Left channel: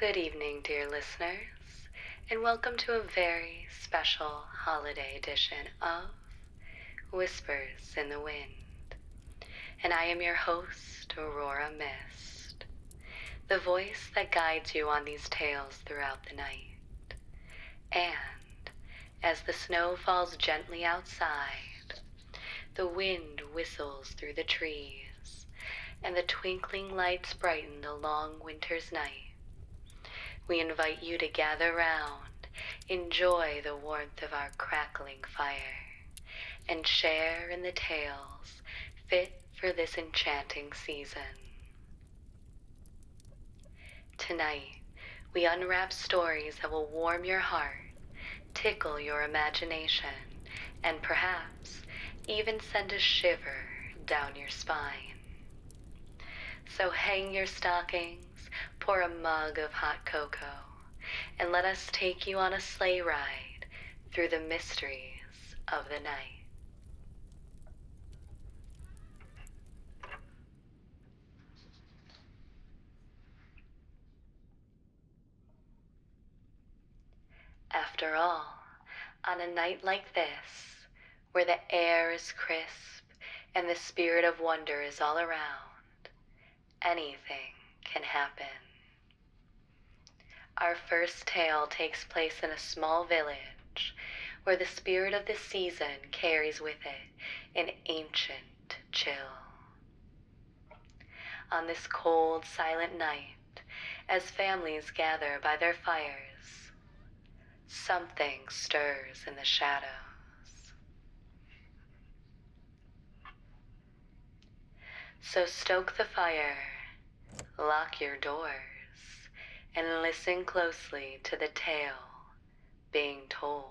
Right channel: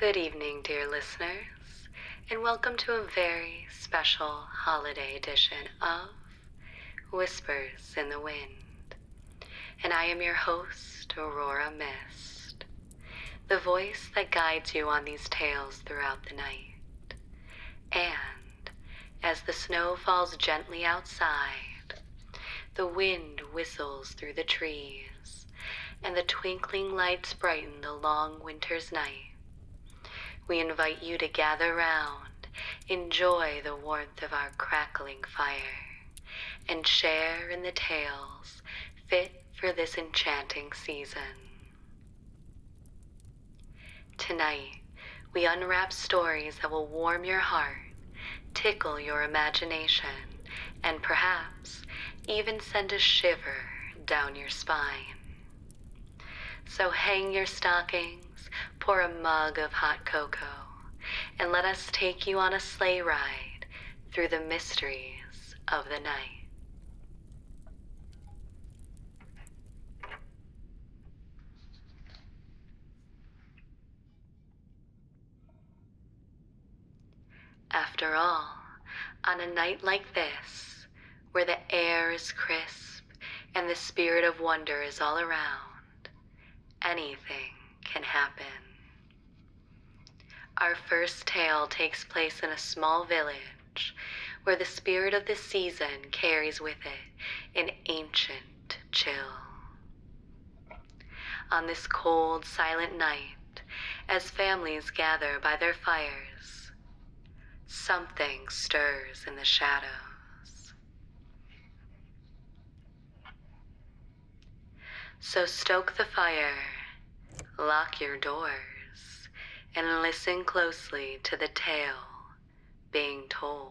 Good evening, dear listeners, and welcome to a very special holiday edition of Whispers in the Wind. And I am your host, Aurora Mist, the voice that guides you on these tales throughout the night. And as the snow falls gently outside, the wind whistles through the trees, and the twinkling lights brighten the long winter's night, we invite you to gather round, enjoy the warmth of our crackling fire, and share in the tales fit for this enchanting season. Tonight, we unwrap stories that will warm your heart, tickle your imagination, and perhaps even send a shiver down your spine. So hang your stockings, pour a mug of hot cocoa, and let us take you on a sleigh ride through the mysteries of the night. After all, on a night like this, where the air is crisp and the spirit of wonder is all around, anything can happen. Our first tale takes place in a small village where the spirit of the season carries with it an ancient chill. On this cold, silent night, as families gather by their fires, something stirs in the shadows. So stoke the fire, lock your doors, and listen closely to the tale being told.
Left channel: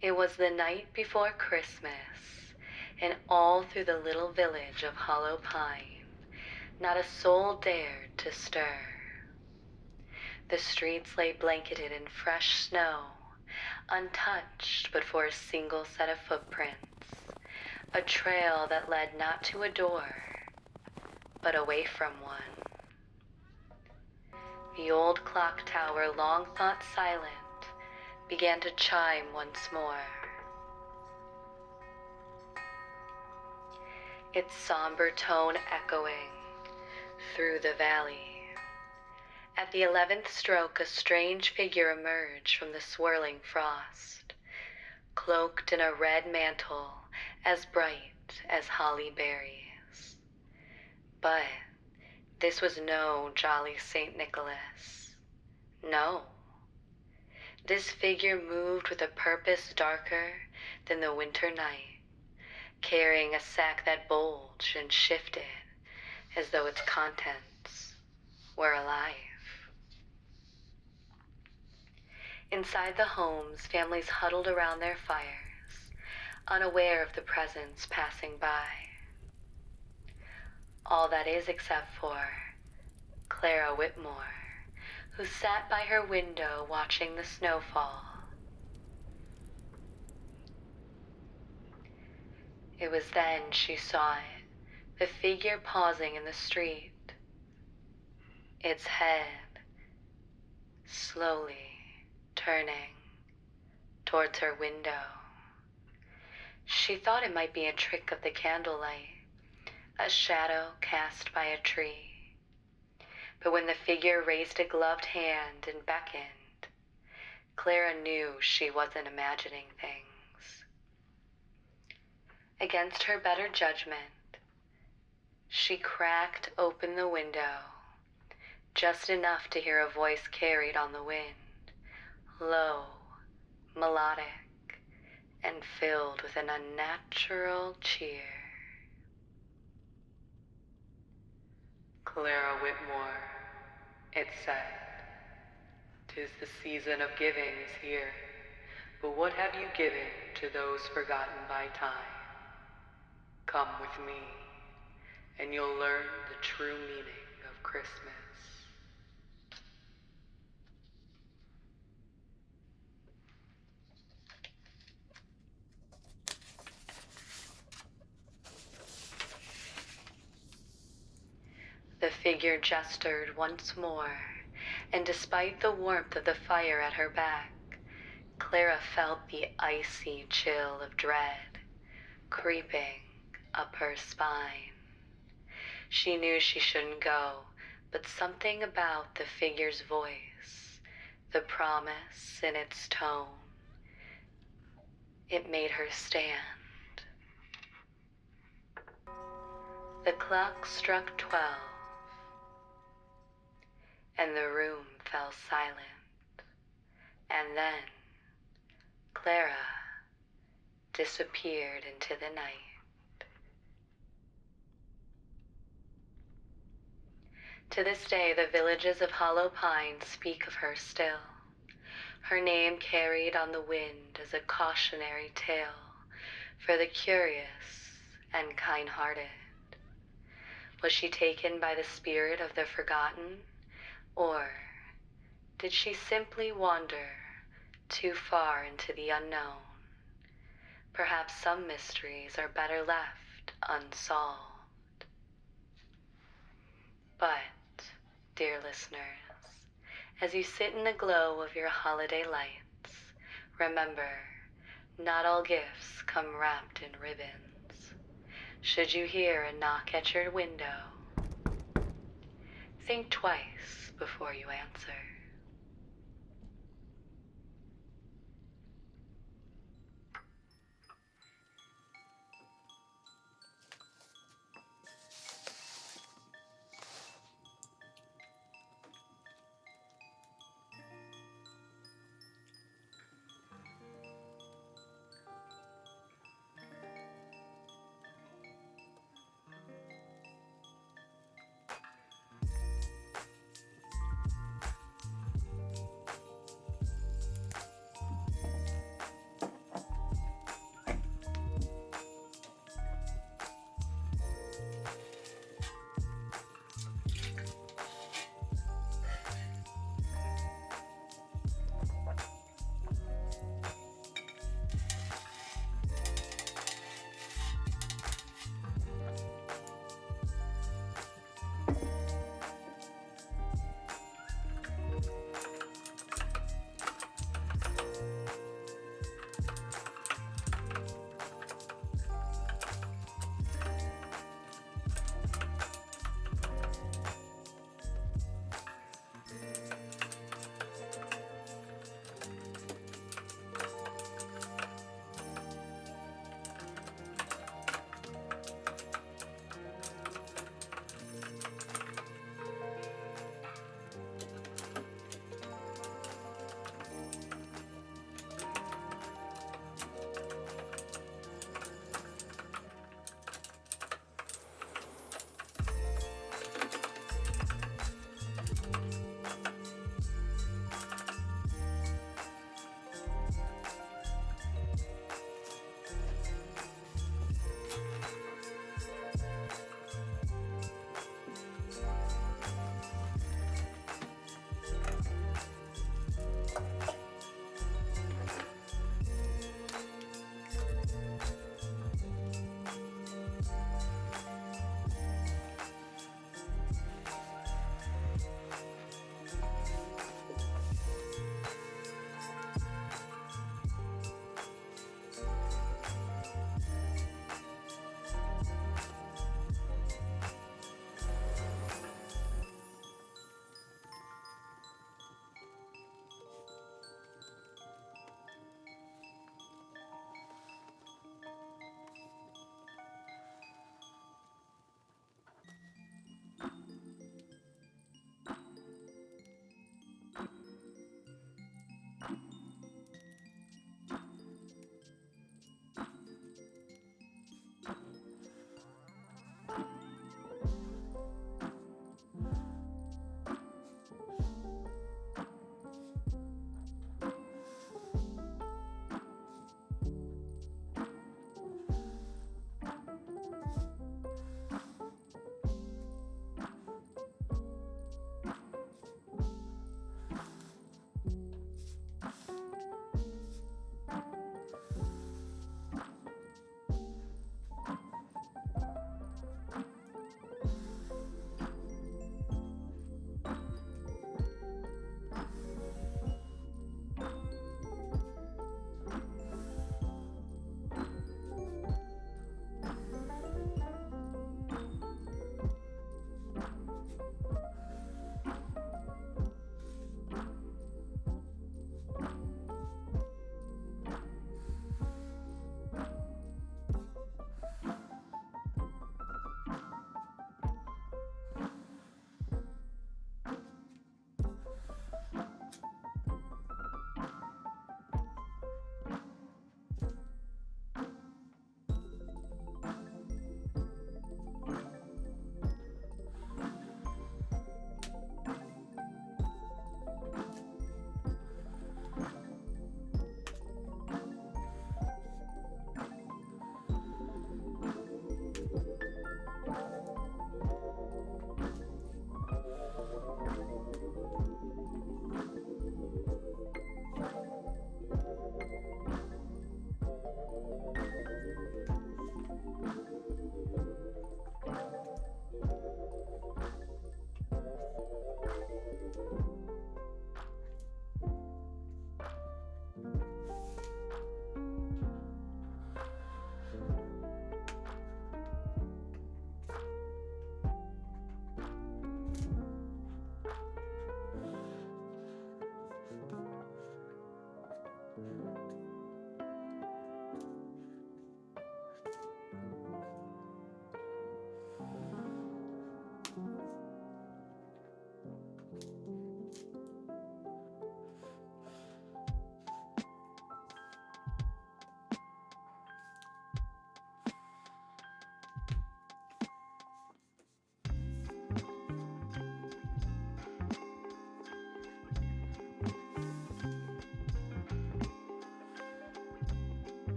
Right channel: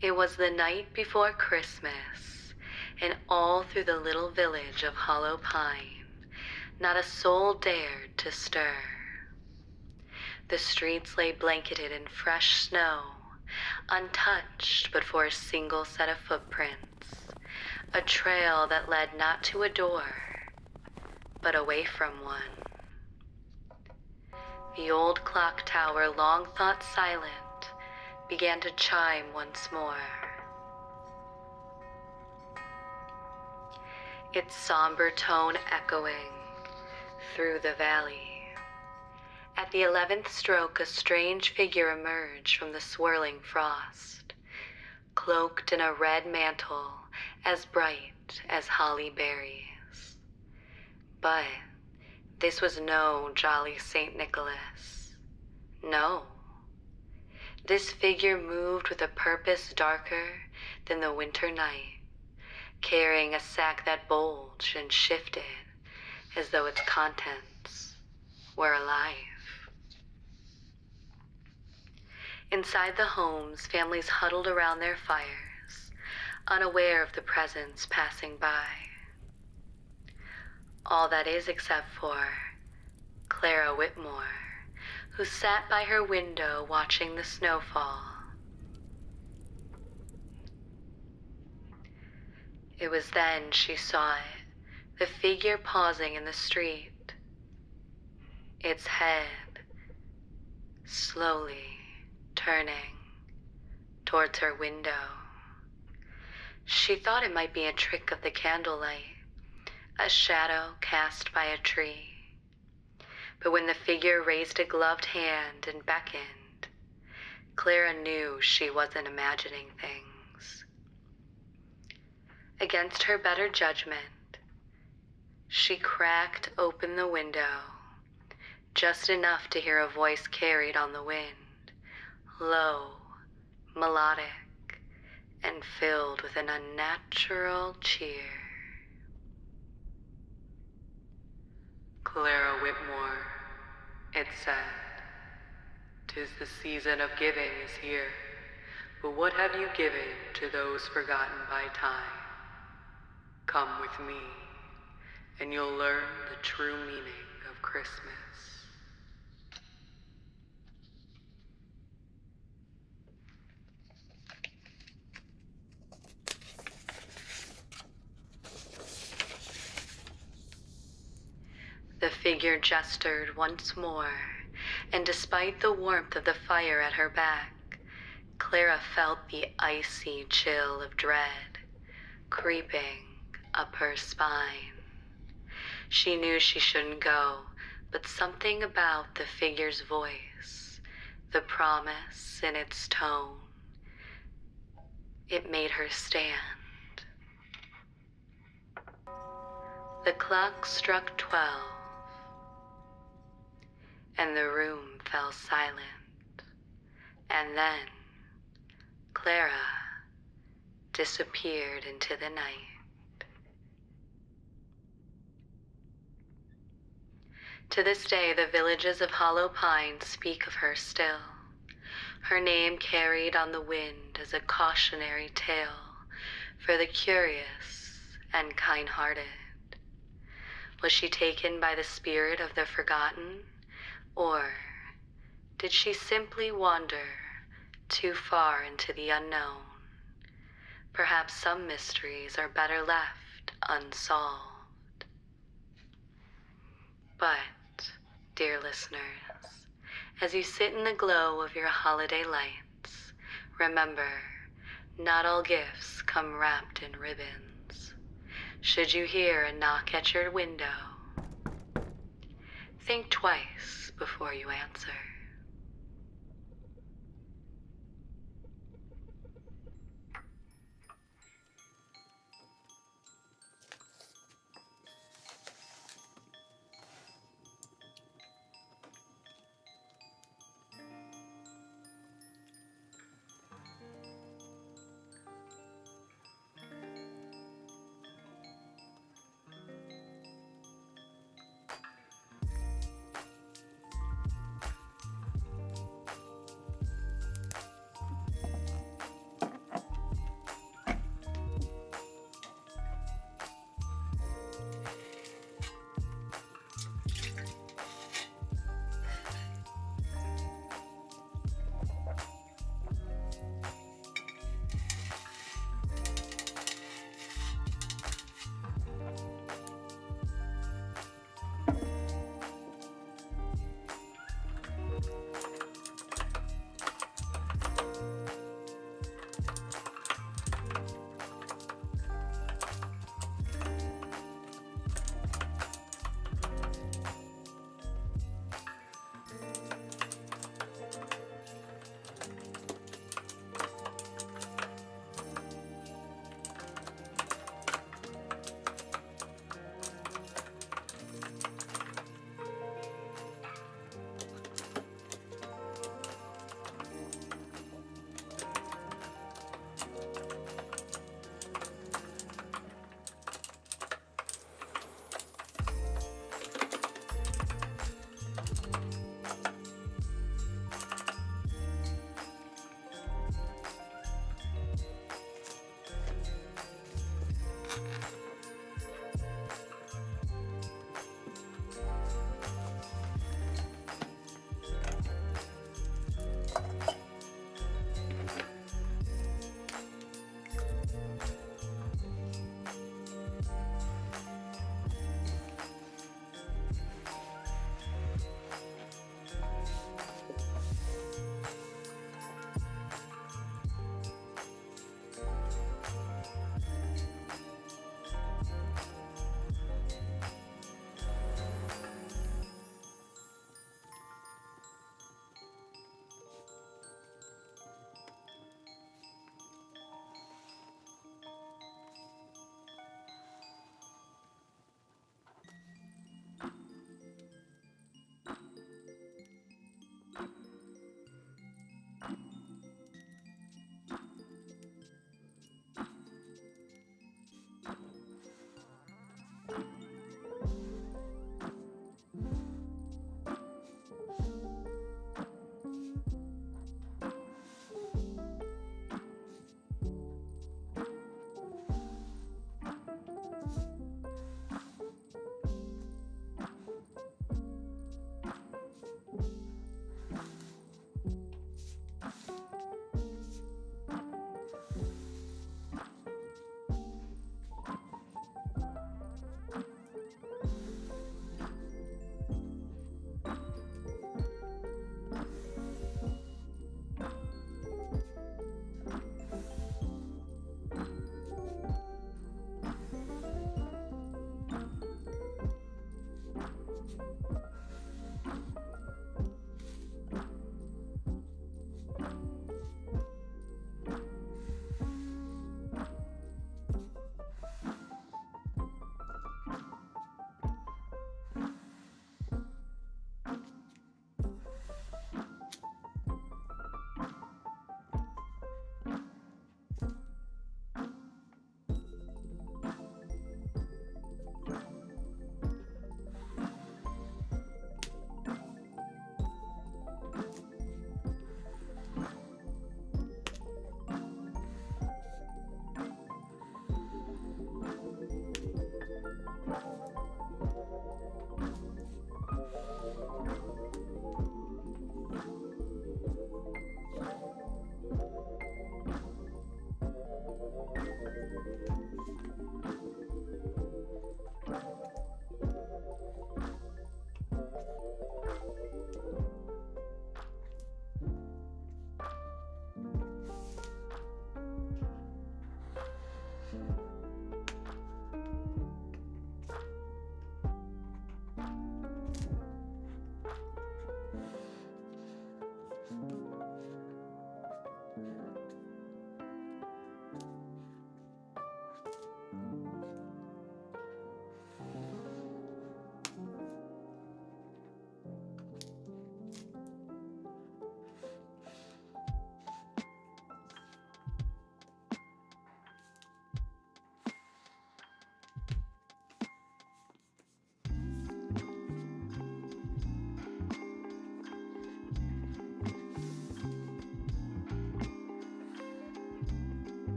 It was the night before Christmas, and all through the little village of Hollow Pine, not a soul dared to stir. The streets lay blanketed in fresh snow, untouched but for a single set of footprints, a trail that led not to a door, but away from one. The old clock tower, long thought silent, began to chime once more. Its somber tone echoing through the valley. At the 11th stroke, a strange figure emerged from the swirling frost, cloaked in a red mantle as bright as holly berries. But this was no jolly St. Nicholas. No. This figure moved with a purpose darker than the winter night, carrying a sack that bulged and shifted as though its contents were alive. Inside the homes, families huddled around their fires, unaware of the presence passing by. All that is except for Clara Whitmore, who sat by her window watching the snowfall. It was then she saw it, the figure pausing in the street, its head slowly turning towards her window. She thought it might be a trick of the candlelight, a shadow cast by a tree. But when the figure raised a gloved hand and beckoned, Clara knew she wasn't imagining things. Against her better judgment, she cracked open the window, just enough to hear a voice carried on the wind, low, melodic, and filled with an unnatural cheer. Clara Whitmore, it said, "'Tis the season of giving is here, but what have you given to those forgotten by time? Come with me, and you'll learn the true meaning of Christmas." figure gestured once more, and despite the warmth of the fire at her back, Clara felt the icy chill of dread creeping up her spine. She knew she shouldn't go, but something about the figure's voice, the promise in its tone, it made her stand. The clock struck 12, and the room fell silent, and then Clara disappeared into the night. To this day, the villages of Hollow Pine speak of her still, her name carried on the wind as a cautionary tale for the curious and kind-hearted. Was she taken by the spirit of the forgotten, or did she simply wander too far into the unknown? Perhaps some mysteries are better left unsolved. But, dear listeners, as you sit in the glow of your holiday lights, remember, not all gifts come wrapped in ribbons. Should you hear a knock at your window, think twice before you answer.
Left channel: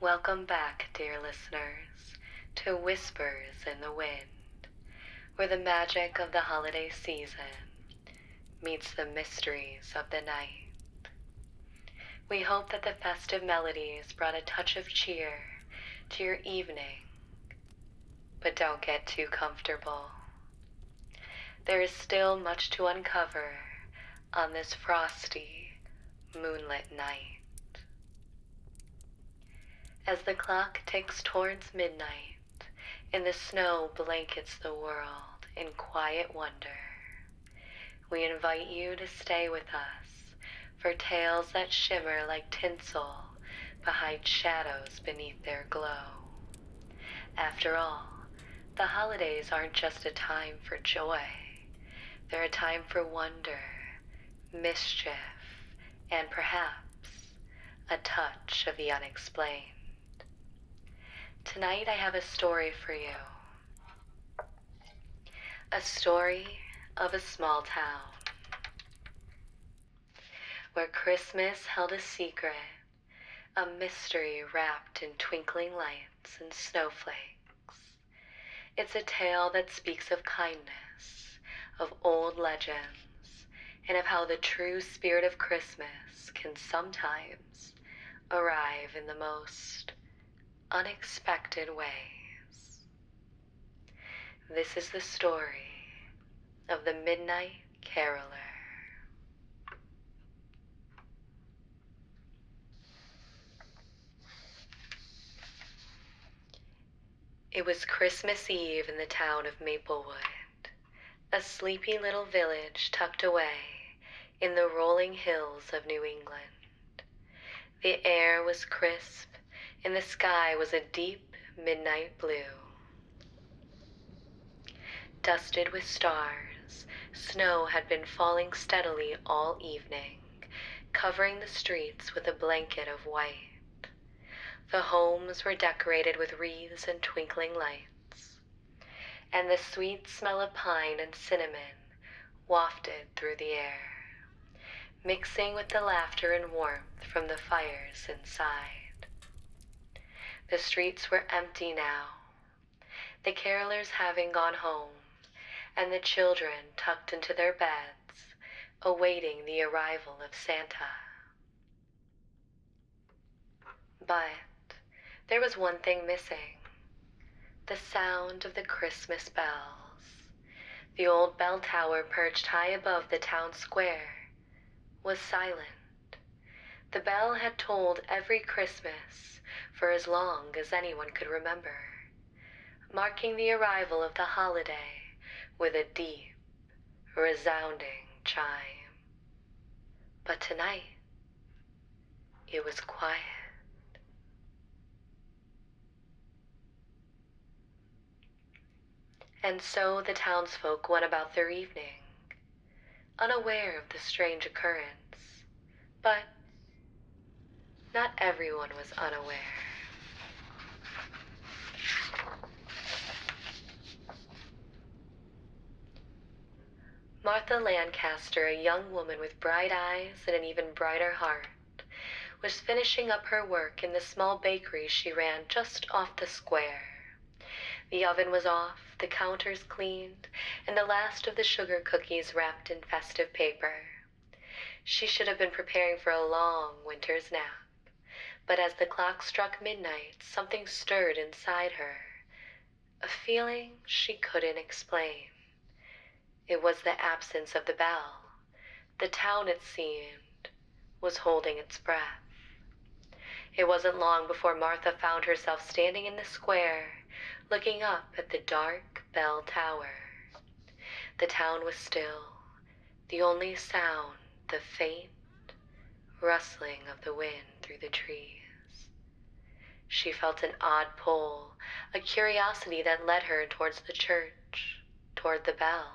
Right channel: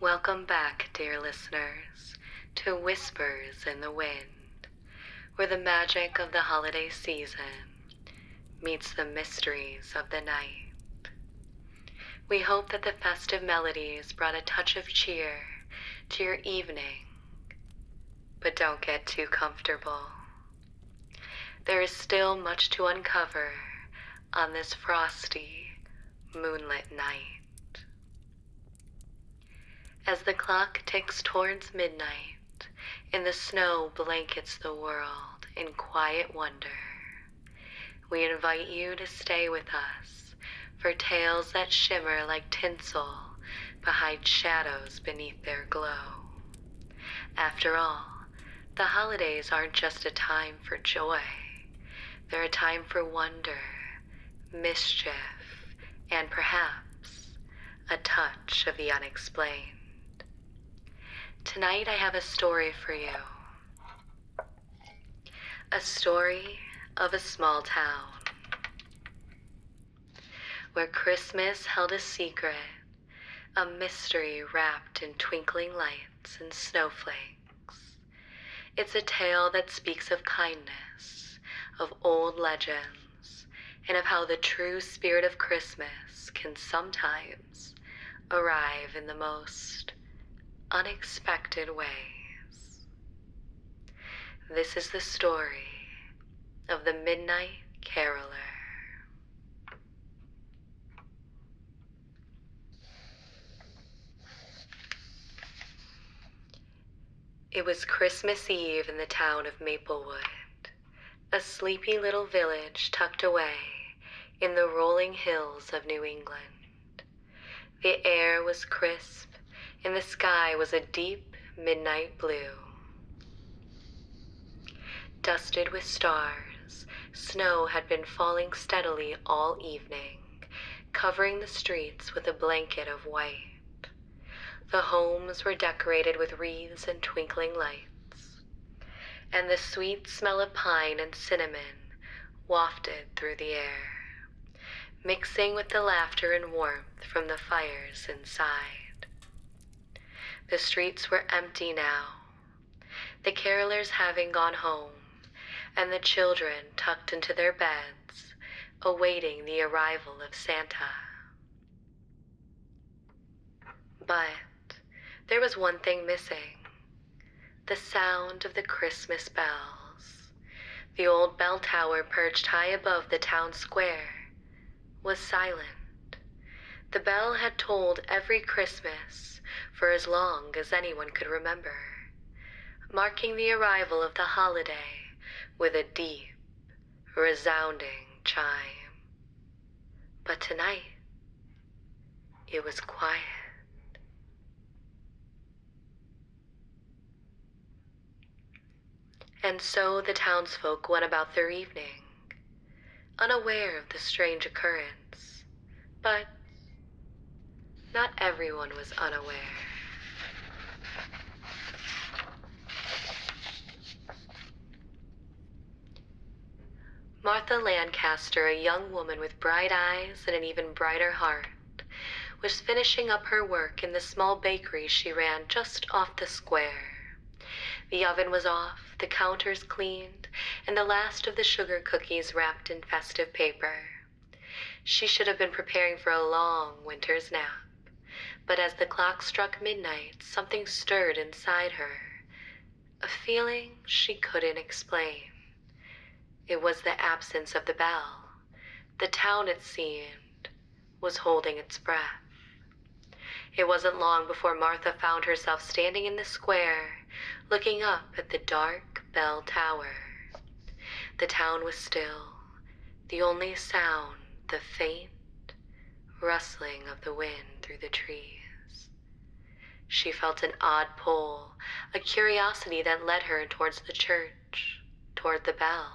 Welcome back, dear listeners, to Whispers in the Wind, where the magic of the holiday season meets the mysteries of the night. We hope that the festive melodies brought a touch of cheer to your evening, but don't get too comfortable. There is still much to uncover on this frosty, moonlit night. As the clock ticks towards midnight and the snow blankets the world in quiet wonder, we invite you to stay with us for tales that shimmer like tinsel behind shadows beneath their glow. After all, the holidays aren't just a time for joy. They're a time for wonder, mischief, and perhaps a touch of the unexplained. Tonight I have a story for you. A story of a small town where Christmas held a secret, a mystery wrapped in twinkling lights and snowflakes. It's a tale that speaks of kindness, of old legends, and of how the true spirit of Christmas can sometimes arrive in the most unexpected ways. This is the story of the Midnight Caroler. It was Christmas Eve in the town of Maplewood, a sleepy little village tucked away in the rolling hills of New England. The air was crisp, and the sky was a deep midnight blue. Dusted with stars, snow had been falling steadily all evening, covering the streets with a blanket of white. The homes were decorated with wreaths and twinkling lights, and the sweet smell of pine and cinnamon wafted through the air, mixing with the laughter and warmth from the fires inside. The streets were empty now, the carolers having gone home, and the children tucked into their beds, awaiting the arrival of Santa. But there was one thing missing: the sound of the Christmas bells. The old bell tower perched high above the town square was silent. The bell had tolled every Christmas for as long as anyone could remember, marking the arrival of the holiday with a deep, resounding chime. But tonight, it was quiet. And so the townsfolk went about their evening, unaware of the strange occurrence. But not everyone was unaware. Martha Lancaster, a young woman with bright eyes and an even brighter heart, was finishing up her work in the small bakery she ran just off the square. The oven was off, the counters cleaned, and the last of the sugar cookies wrapped in festive paper. She should have been preparing for a long winter's nap, but as the clock struck midnight, something stirred inside her, a feeling she couldn't explain. It was the absence of the bell. The town, it seemed, was holding its breath. It wasn't long before Martha found herself standing in the square, looking up at the dark bell tower. The town was still, the only sound the faint rustling of the wind through the trees. She felt an odd pull, a curiosity that led her towards the church, toward the bell.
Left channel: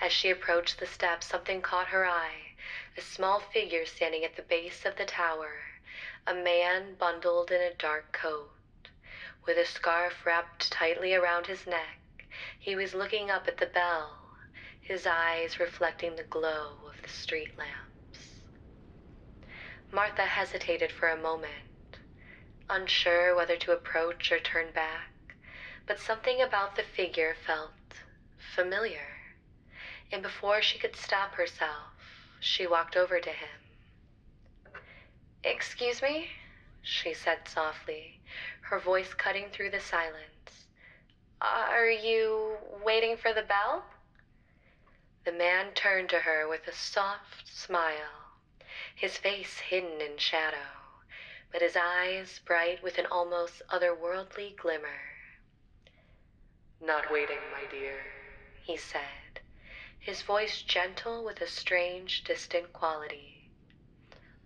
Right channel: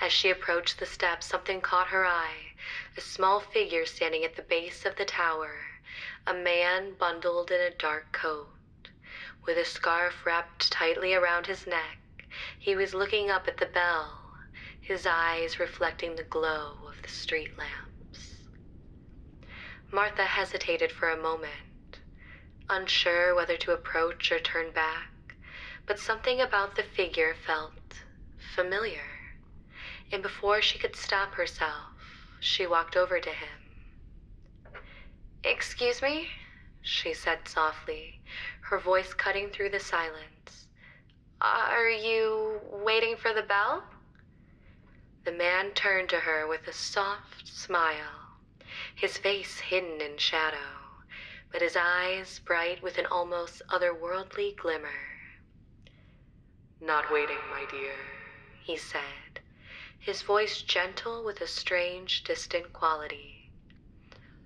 As she approached the steps, something caught her eye, a small figure standing at the base of the tower, a man bundled in a dark coat. With a scarf wrapped tightly around his neck, he was looking up at the bell, his eyes reflecting the glow of the street lamps. Martha hesitated for a moment. unsure whether to approach or turn back, but something about the figure felt familiar, and before she could stop herself, she walked over to him. "Excuse me?" she said softly, her voice cutting through the silence. "Are you waiting for the bell?" The man turned to her with a soft smile, his face hidden in shadow, but his eyes bright with an almost otherworldly glimmer. "Not waiting, my dear," he said, his voice gentle with a strange, distant quality.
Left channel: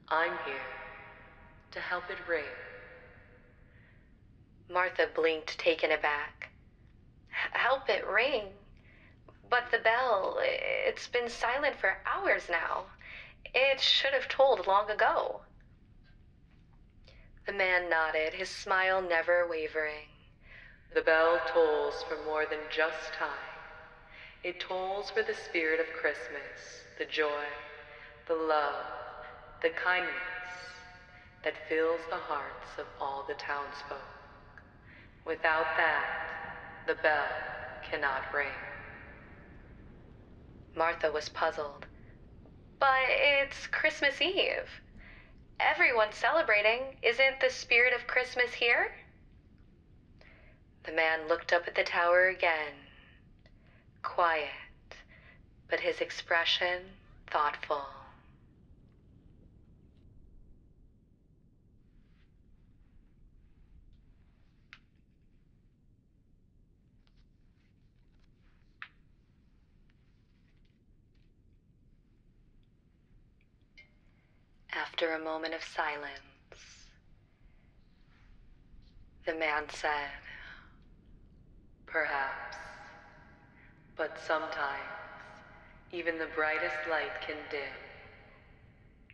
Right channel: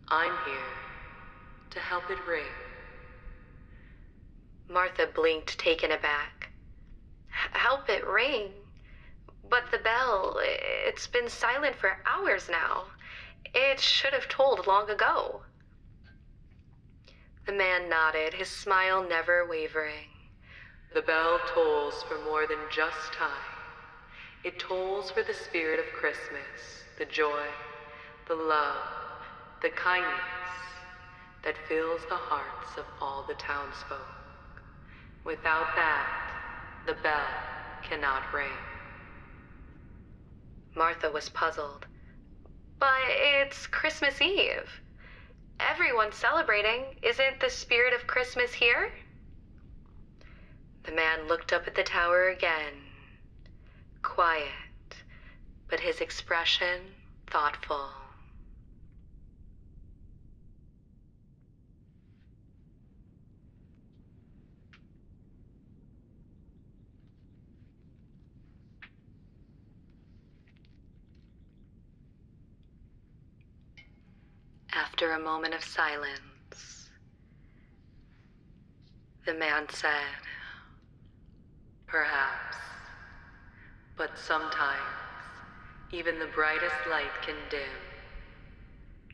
"I'm here to help it ring." Martha blinked, taken aback. "Help it ring? But the bell, it's been silent for hours now. It should have tolled long ago." The man nodded, his smile never wavering. "The bell tolls for more than just time. It tolls for the spirit of Christmas, the joy, the love, the kindness that fills the hearts of all the townsfolk. Without that, the bell cannot ring." Martha was puzzled. "But it's Christmas Eve. Everyone's celebrating. Isn't the spirit of Christmas here?" The man looked up at the tower again, quiet, but his expression thoughtful. After a moment of silence, the man said, "Perhaps, but sometimes even the brightest light can dim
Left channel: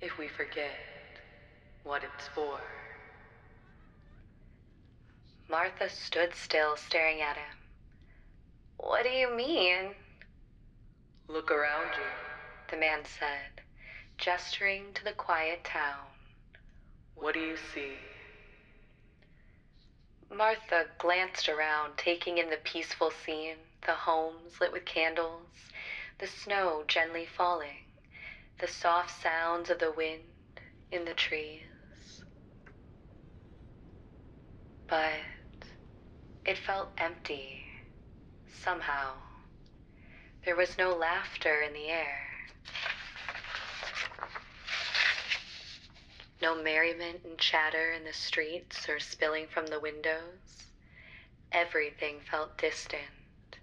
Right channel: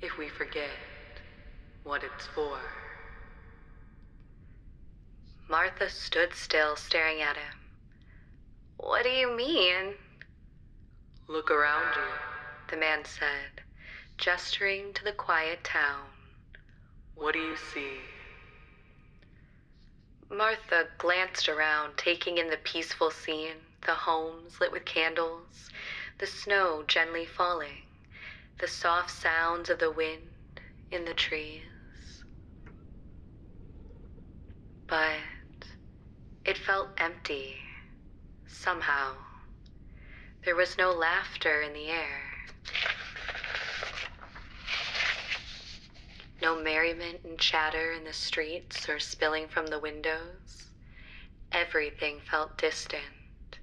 if we forget what it's for." Martha stood still, staring at him. "What do you mean?" "Look around you," the man said, gesturing to the quiet town. "What do you see?" Martha glanced around, taking in the peaceful scene, the homes lit with candles, the snow gently falling, the soft sounds of the wind in the trees. But it felt empty, somehow. There was no laughter in the air, no merriment and chatter in the streets or spilling from the windows. Everything felt distant.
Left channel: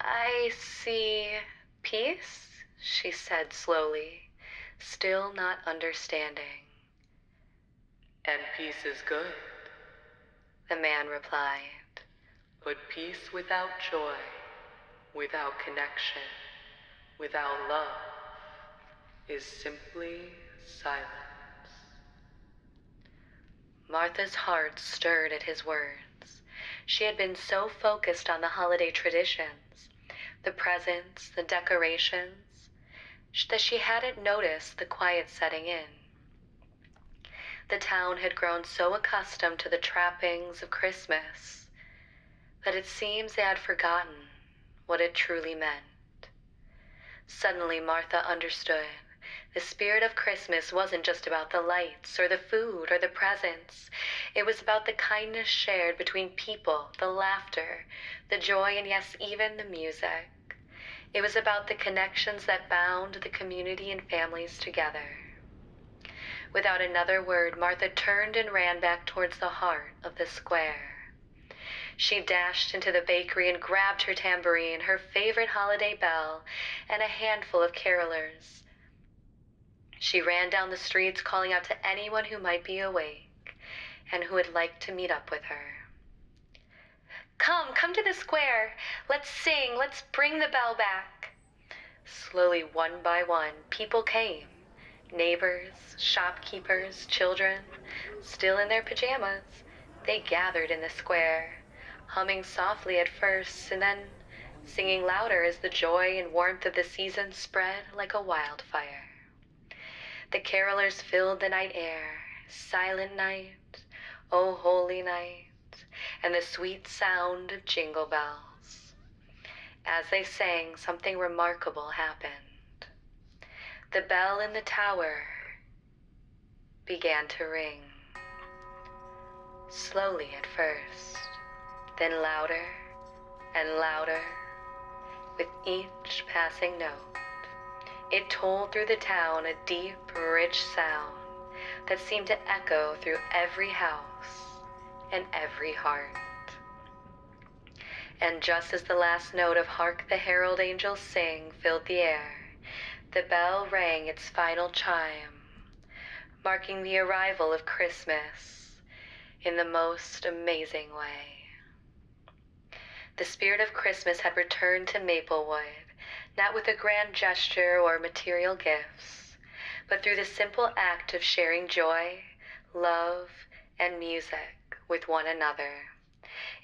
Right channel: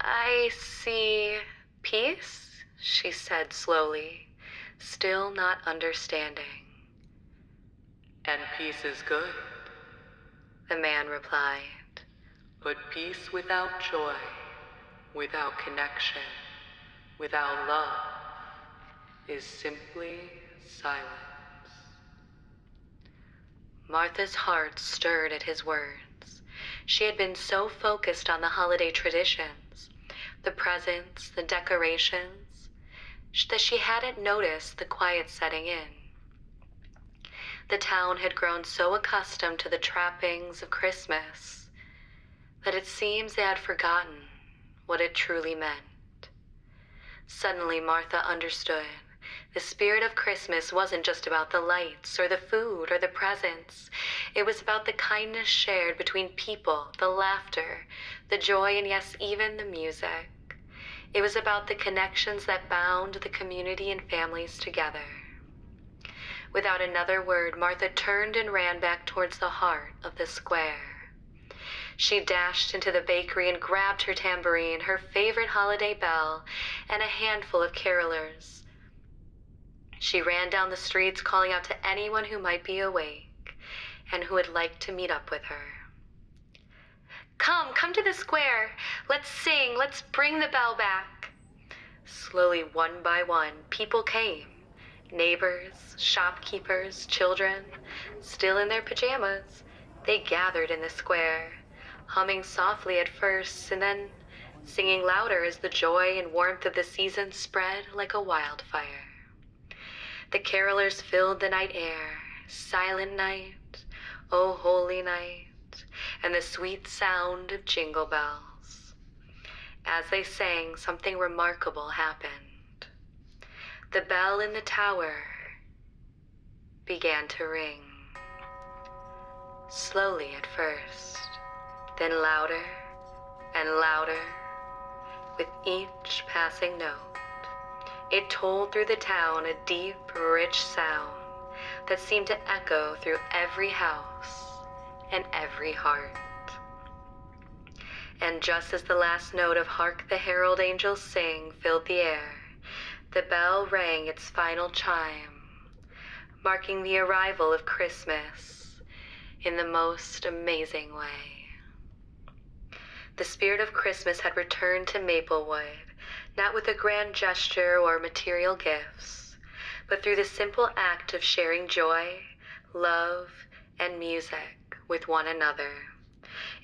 "I see peace," she said slowly, still not understanding. "And peace is good," the man replied. "But peace without joy, without connection, without love, is simply silence." Martha's heart stirred at his words. She had been so focused on the holiday traditions, the presents, the decorations, that she hadn't noticed the quiet setting in. The town had grown so accustomed to the trappings of Christmas that it seems they had forgotten what it truly meant. Suddenly Martha understood. The spirit of Christmas wasn't just about the lights or the food or the presents. It was about the kindness shared between people, the laughter, the joy, and yes, even the music. It was about the connections that bound the community and families together. Without another word, Martha turned and ran back towards the heart of the square. She dashed into the bakery and grabbed her tambourine, her favorite holiday bell, and a handful of carolers. She ran down the streets, calling out to anyone who might be awake and who would like to meet up with her. Come to the square. Let's sing, let's bring the bell back." Slowly, one by one, people came. Neighbors, shopkeepers, children, still in their pajamas. They gathered in the square, humming softly at first and then singing louder as the joy and warmth of the season spread like a wildfire. The carolers filled the night air, silent night, sweet sound of jingle bells. As they sang, something remarkable happened. The bell in the tower began to ring. Slowly at first, then louder and louder with each passing note. It tolled through the town a deep, rich sound that seemed to echo through every house and every heart. And just as the last note of "Hark the Herald Angels Sing" filled the air, the bell rang its final chime, marking the arrival of Christmas in the most amazing way. The spirit of Christmas had returned to Maplewood, not with a grand gesture or material gifts, but through the simple act of sharing joy, love, and music with one another.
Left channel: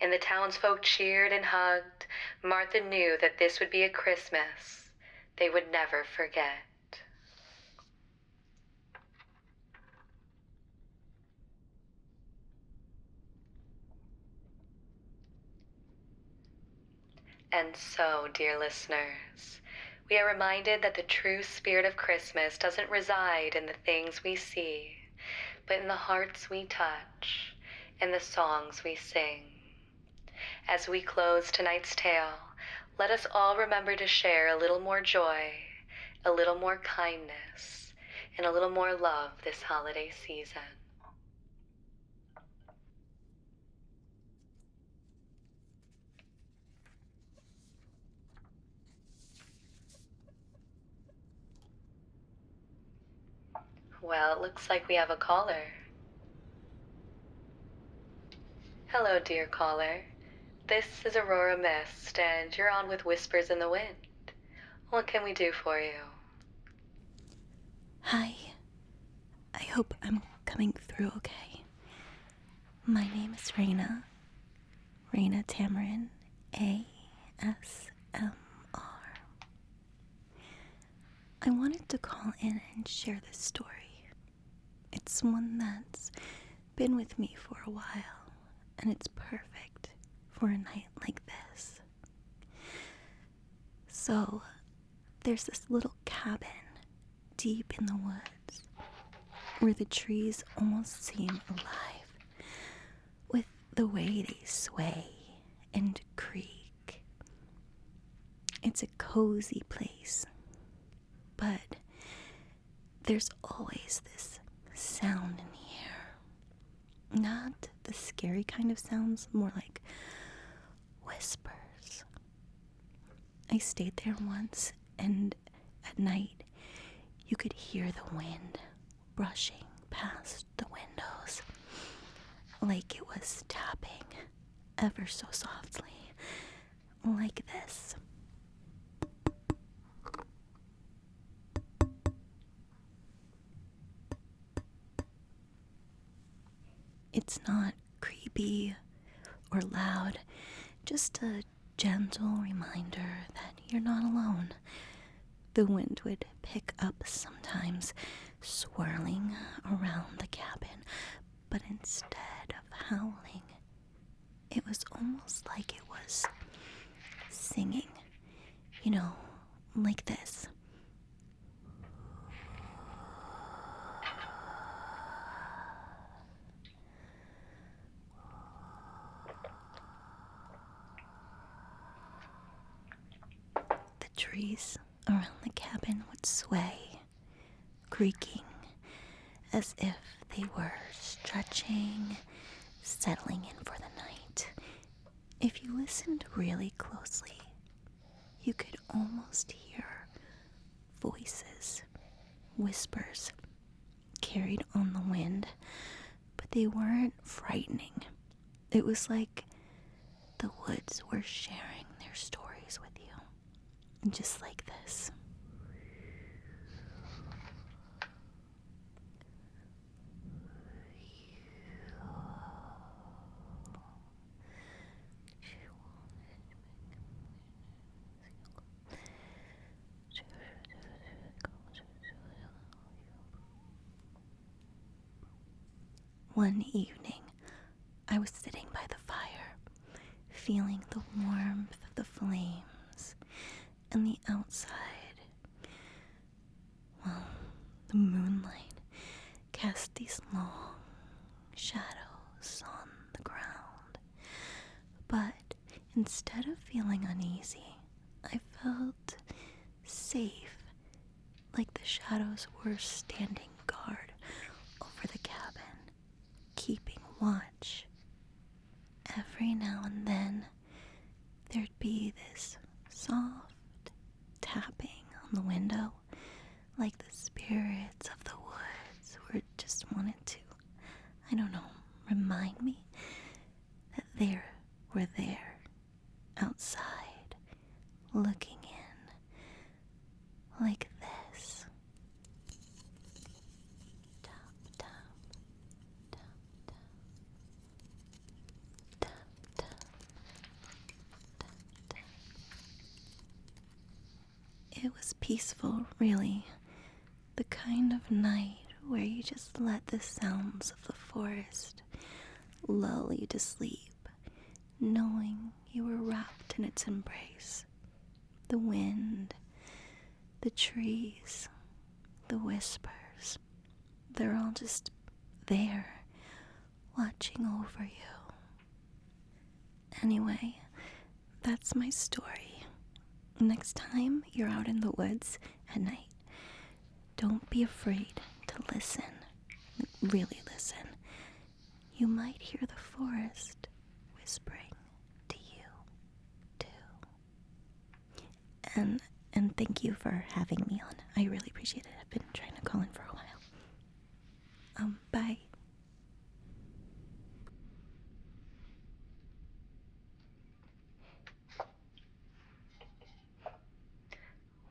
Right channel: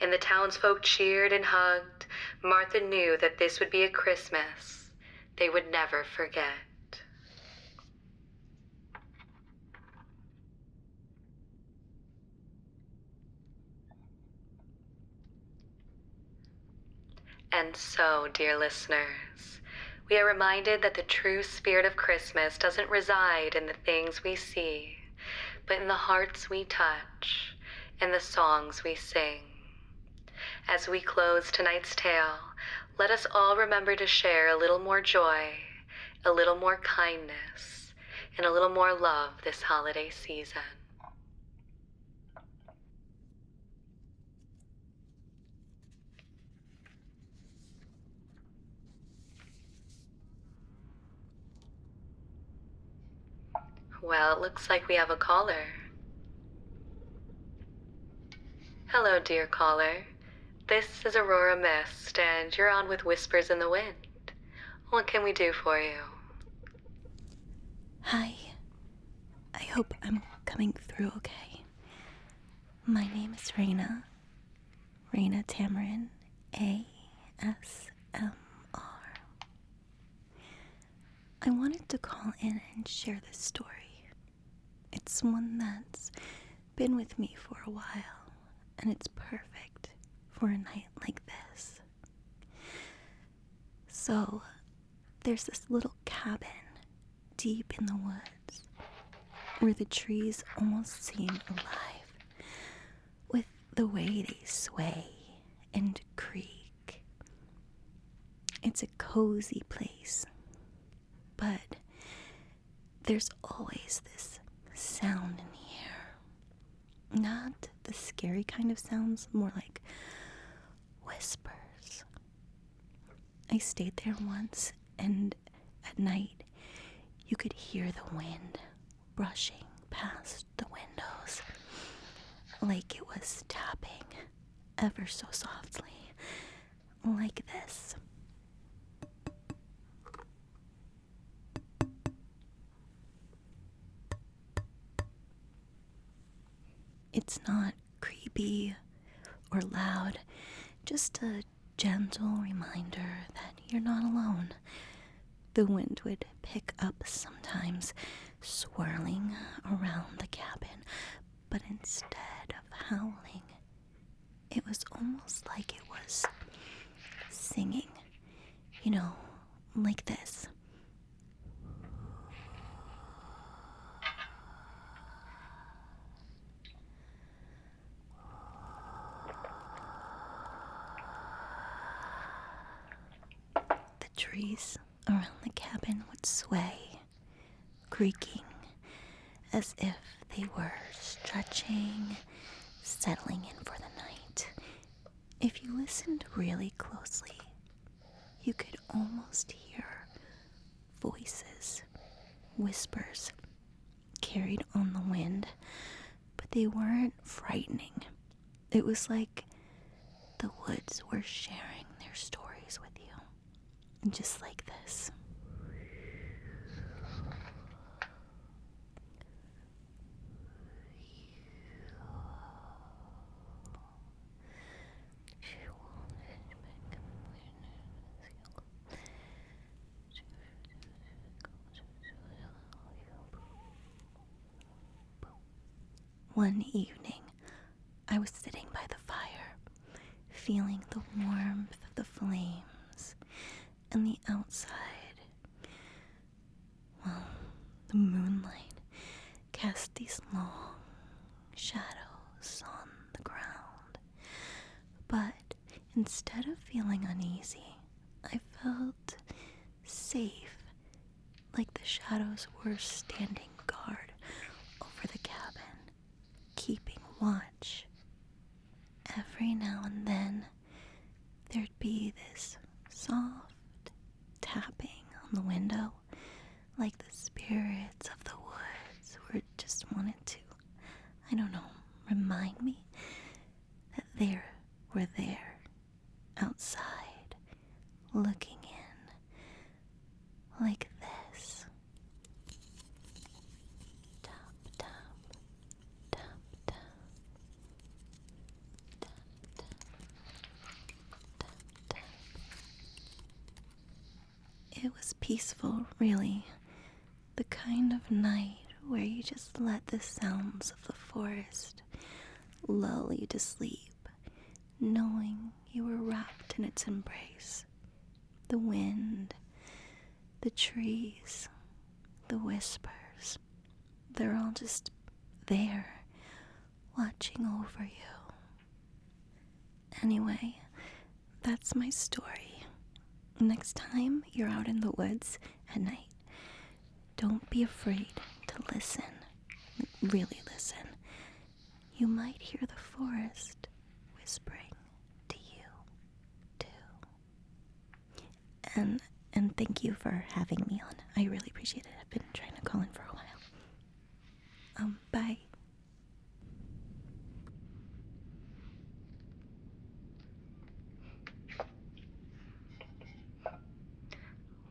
And the townsfolk cheered and hugged. Martha knew that this would be a Christmas they would never forget. And so, dear listeners, we are reminded that the true spirit of Christmas doesn't reside in the things we see, but in the hearts we touch and the songs we sing. As we close tonight's tale, let us all remember to share a little more joy, a little more kindness, and a little more love this holiday season. Well, it looks like we have a caller. Hello, dear caller. This is Aurora Mist, and you're on with Whispers in the Wind. What can we do for you? Hi. I hope I'm coming through okay. My name is Rayna. Rayna Tamarin, ASMR. I wanted to call in and share this story. It's one that's been with me for a while, and it's perfect for a night like this. So, there's this little cabin deep in the woods where the trees almost seem alive with the way they sway and creak. It's a cozy place, but there's always this sound in the air. Not the scary kind of sounds, more like whispers. I stayed there once, and at night you could hear the wind brushing past the windows, like it was tapping ever so softly, like this. It's not creepy or loud, just a gentle reminder that you're not alone. The wind would pick up sometimes, swirling around the cabin, but instead of howling, it was almost like it was singing, like this. The trees around the cabin would sway, creaking, as if they were stretching, settling in for the night. If you listened really closely, you could almost hear voices, whispers, carried on the wind, but they weren't frightening. It was like the woods were sharing their stories with you, just like this. One evening, I was sitting by the fire, feeling the warmth of the flames and the outside. Well, the moonlight cast these long shadows on the ground. But instead of feeling uneasy, I felt safe, like the shadows were standing guard over the cabin, keeping watch. Every now and then, there'd be this soft tapping on the window, like the spirits of the woods just wanted to, I don't know, remind me that they were there, outside, looking in, like this. Tap, tap, tap, tap, tap, tap, tap, tap. It was peaceful, really. The kind of night where you just let the sounds of the forest lull you to sleep, knowing you were wrapped in its embrace. The wind, the trees, the whispers, they're all just there, watching over you. Anyway, that's my story. Next time you're out in the woods at night, don't be afraid to listen. Really listen. You might hear the forest whispering to you, too. And thank you for having me on. I really appreciate it. I've been trying to call in for a while. Bye.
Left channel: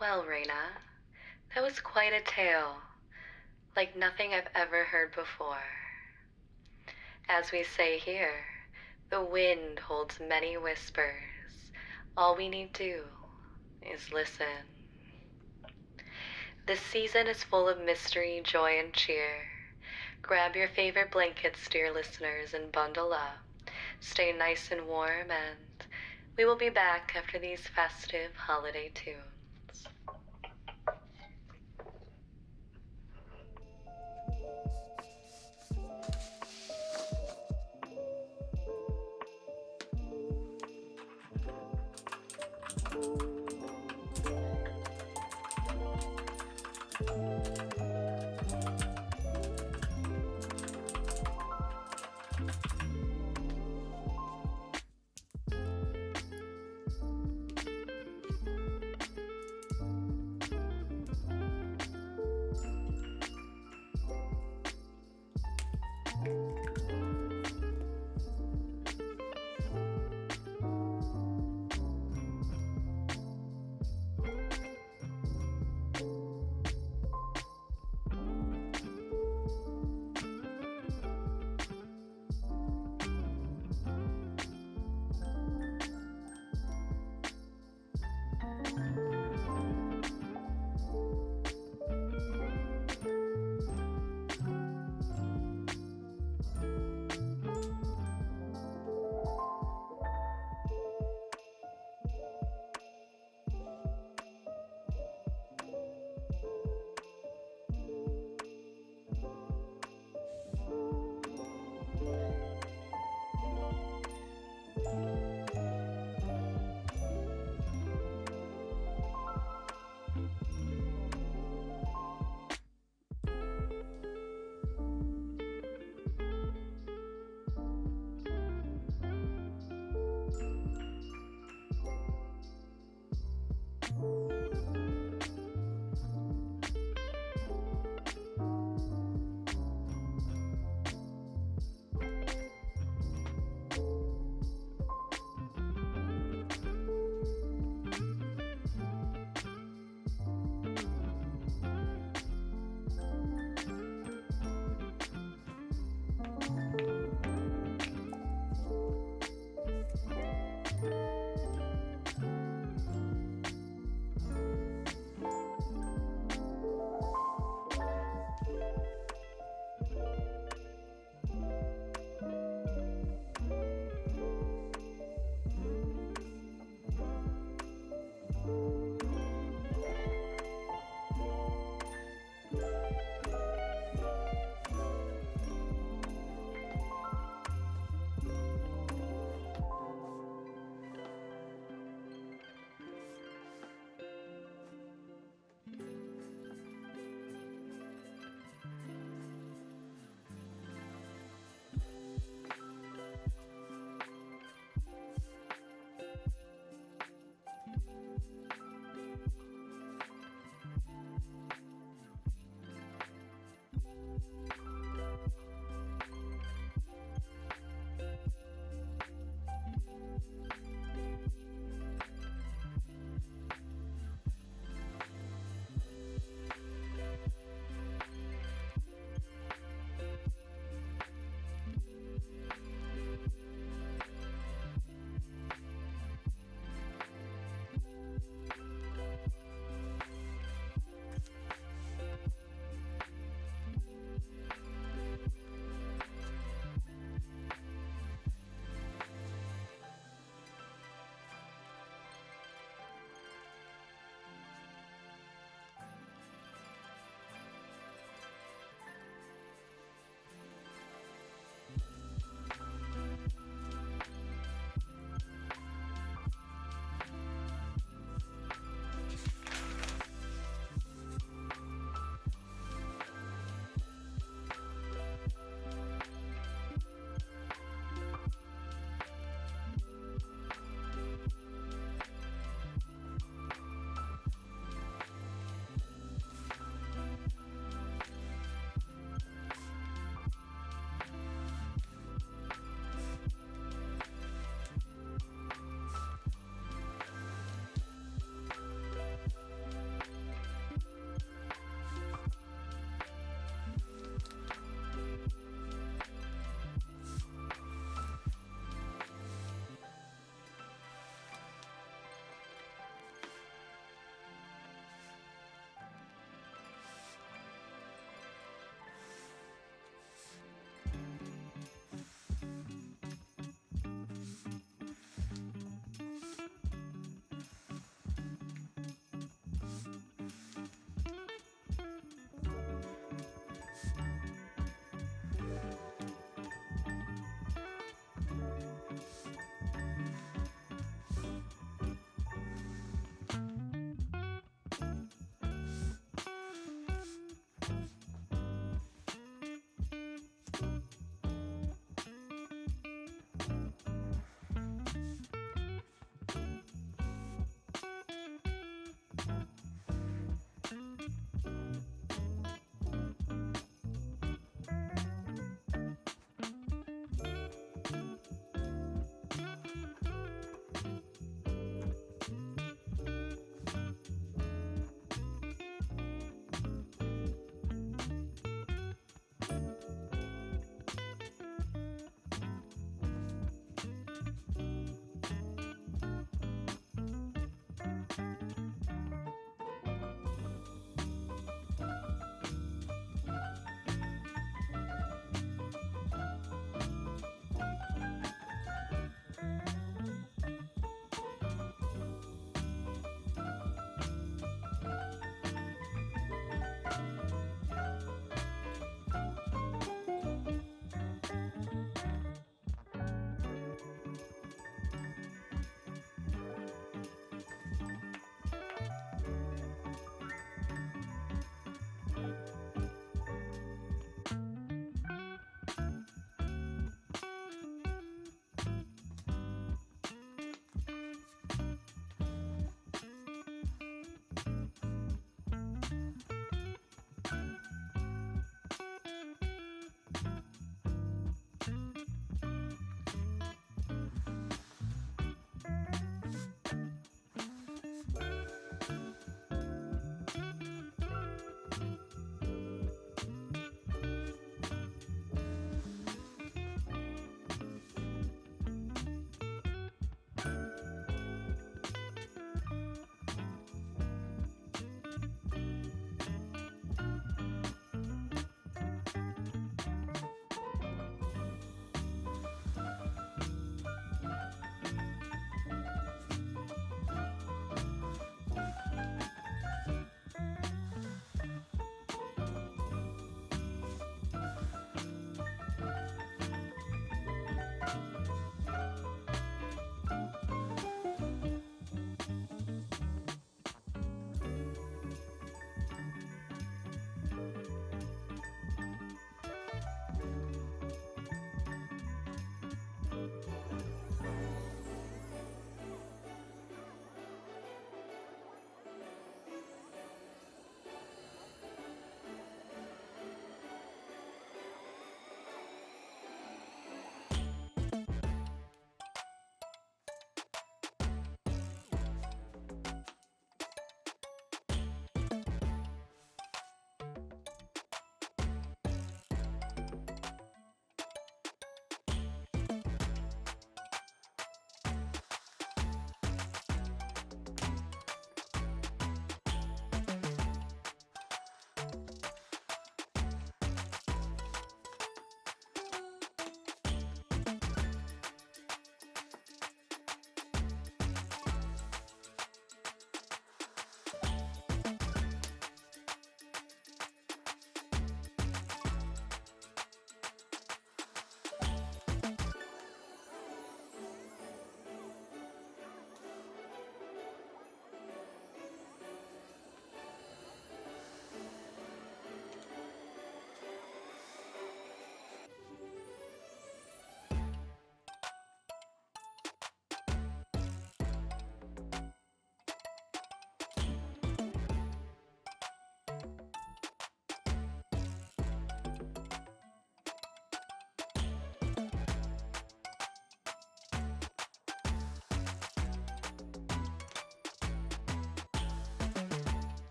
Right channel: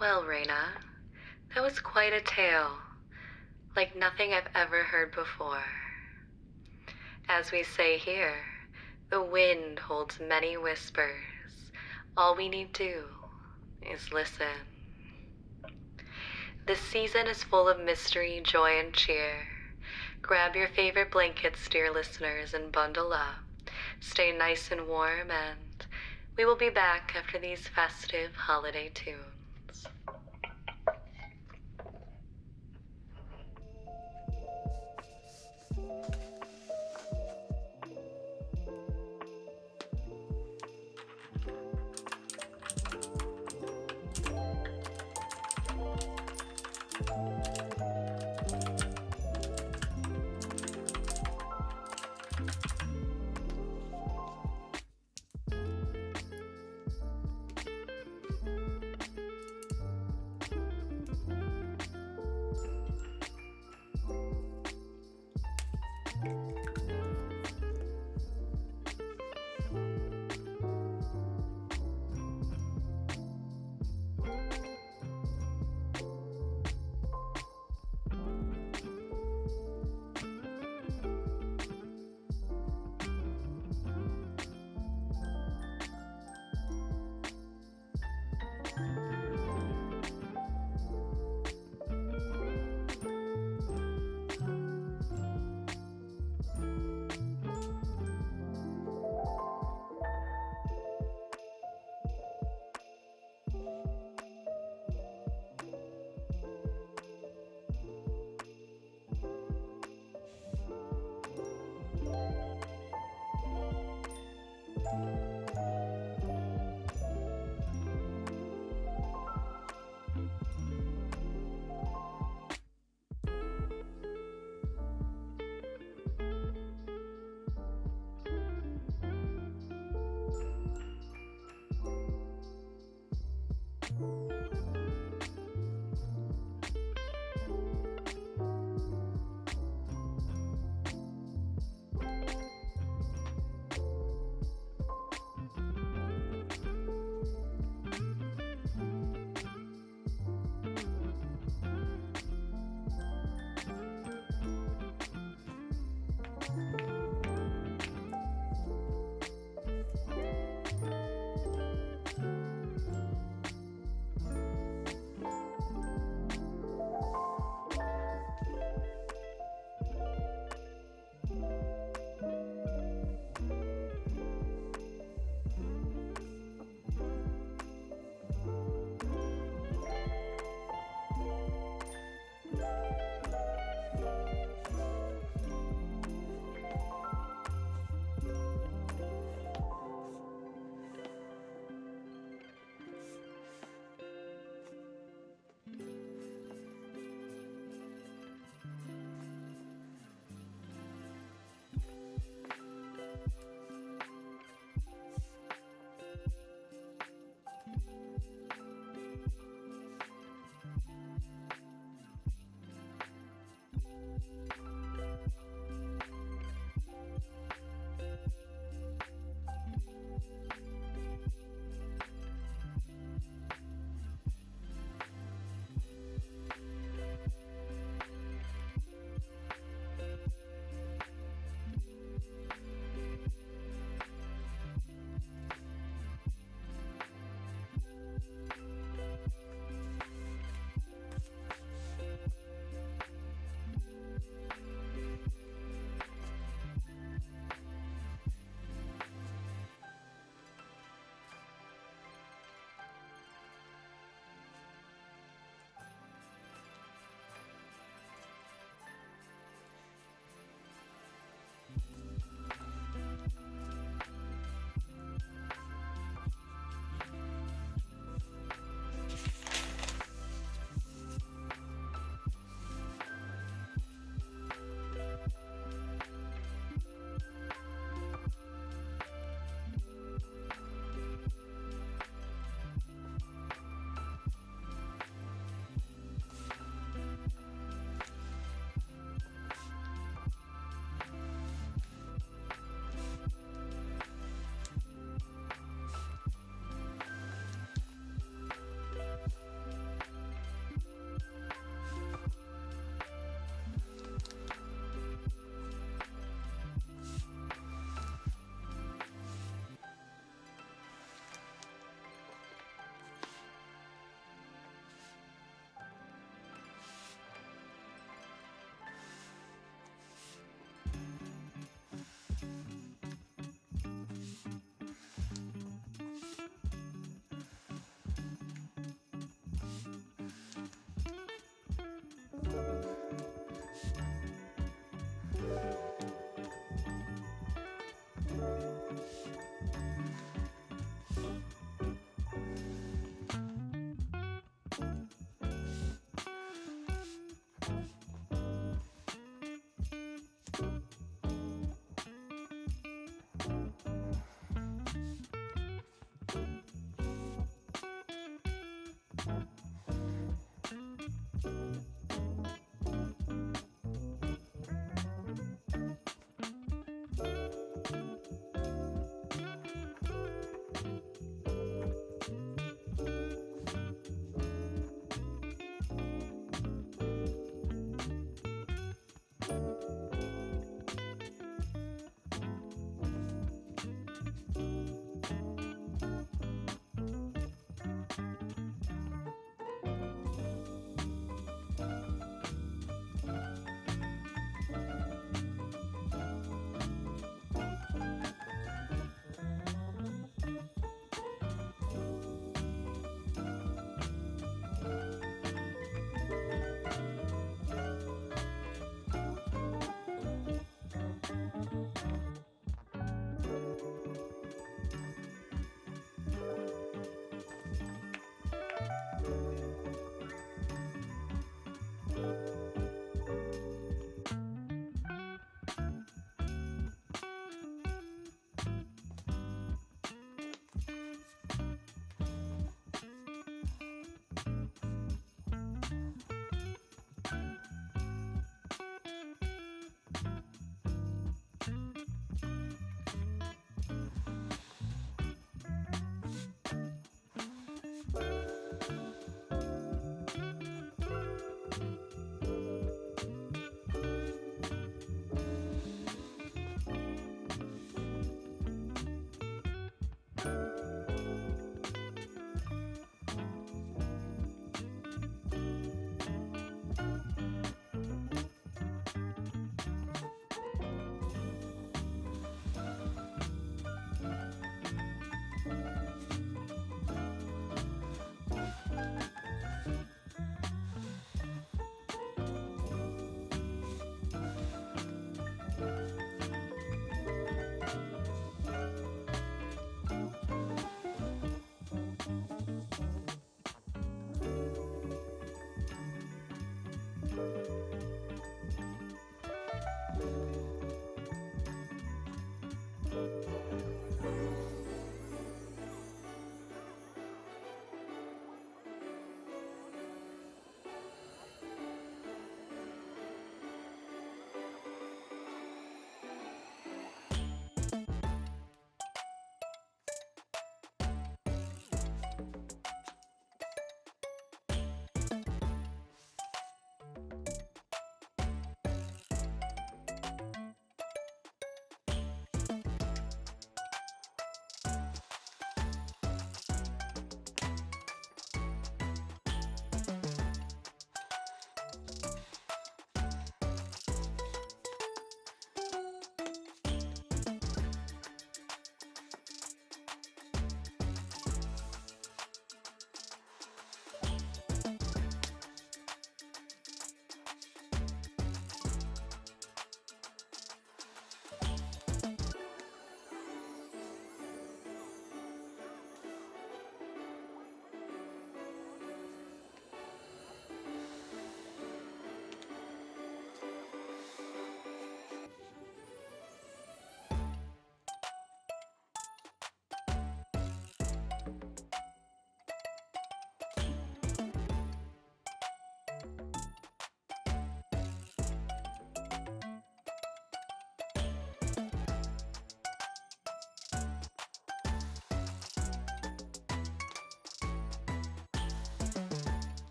Well, Rayna, that was quite a tale, like nothing I've ever heard before. As we say here, the wind holds many whispers. All we need do is listen. This season is full of mystery, joy, and cheer. Grab your favorite blankets, dear listeners, and bundle up. Stay nice and warm, and we will be back after these festive holiday tunes.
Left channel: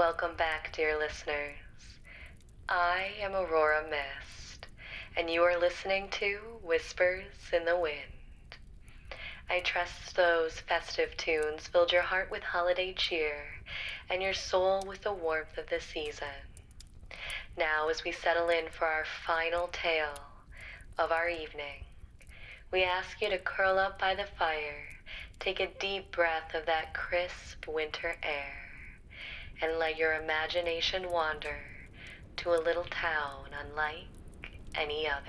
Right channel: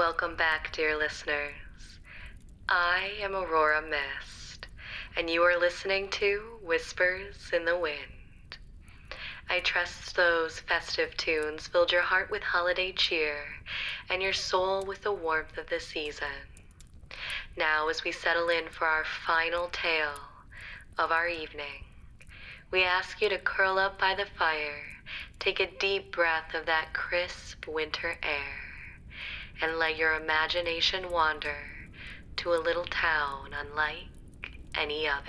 Welcome back, dear listeners. I am Aurora Mist, and you are listening to Whispers in the Wind. I trust those festive tunes filled your heart with holiday cheer and your soul with the warmth of the season. Now, as we settle in for our final tale of our evening, we ask you to curl up by the fire, take a deep breath of that crisp winter air, and let your imagination wander to a little town unlike any other.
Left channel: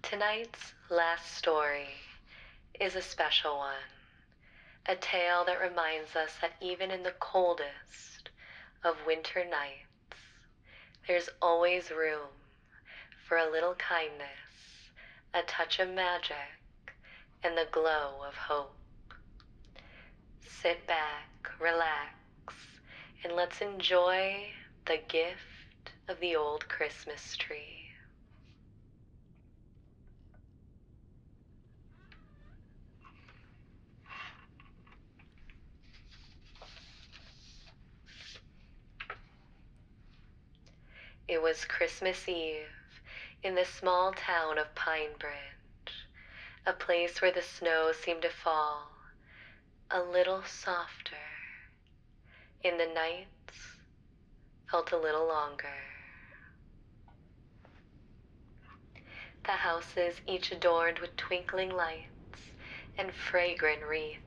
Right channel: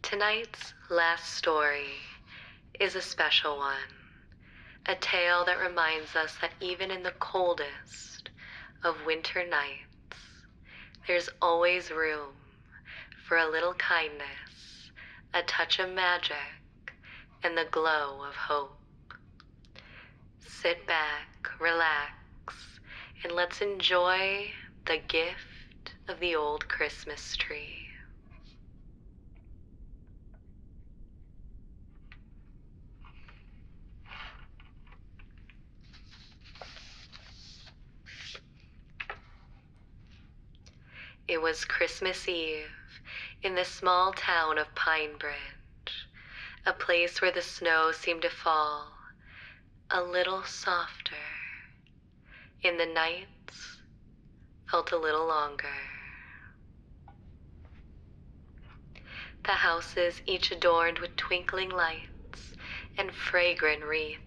Tonight's last story is a special one, a tale that reminds us that even in the coldest of winter nights, there's always room for a little kindness, a touch of magic, and the glow of hope. Sit back, relax, and let's enjoy the gift of the old Christmas tree. It was Christmas Eve in the small town of Pine Bridge, a place where the snow seemed to fall a little softer, and the nights felt a little longer. The houses, each adorned with twinkling lights and fragrant wreaths,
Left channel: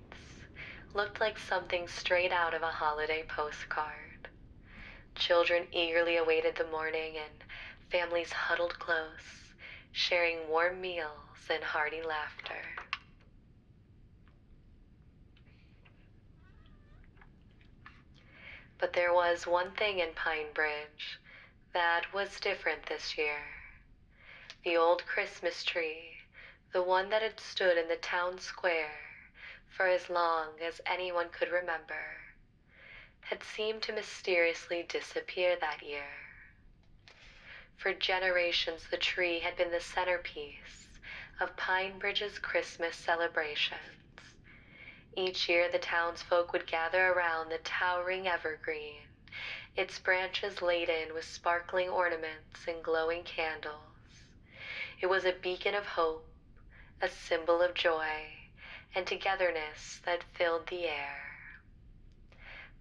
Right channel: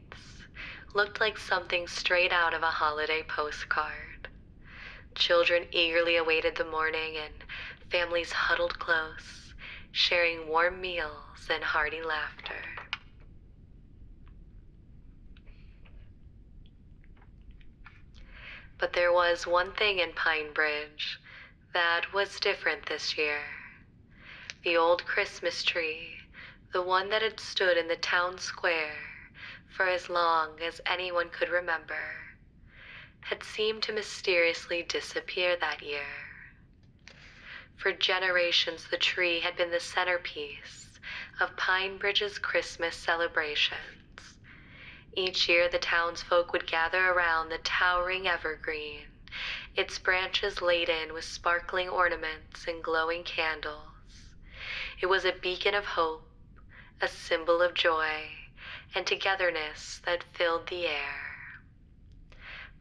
looked like something straight out of a holiday postcard. Children eagerly awaited the morning, and families huddled close, sharing warm meals and hearty laughter. But there was one thing in Pine Bridge that was different this year. The old Christmas tree, the one that had stood in the town square for as long as anyone could remember, had seemed to mysteriously disappear that year. For generations, the tree had been the centerpiece of Pine Bridge's Christmas celebrations. Each year, the townsfolk would gather around the towering evergreen, its branches laden with sparkling ornaments and glowing candles. It was a beacon of hope, a symbol of joy and togetherness that filled the air.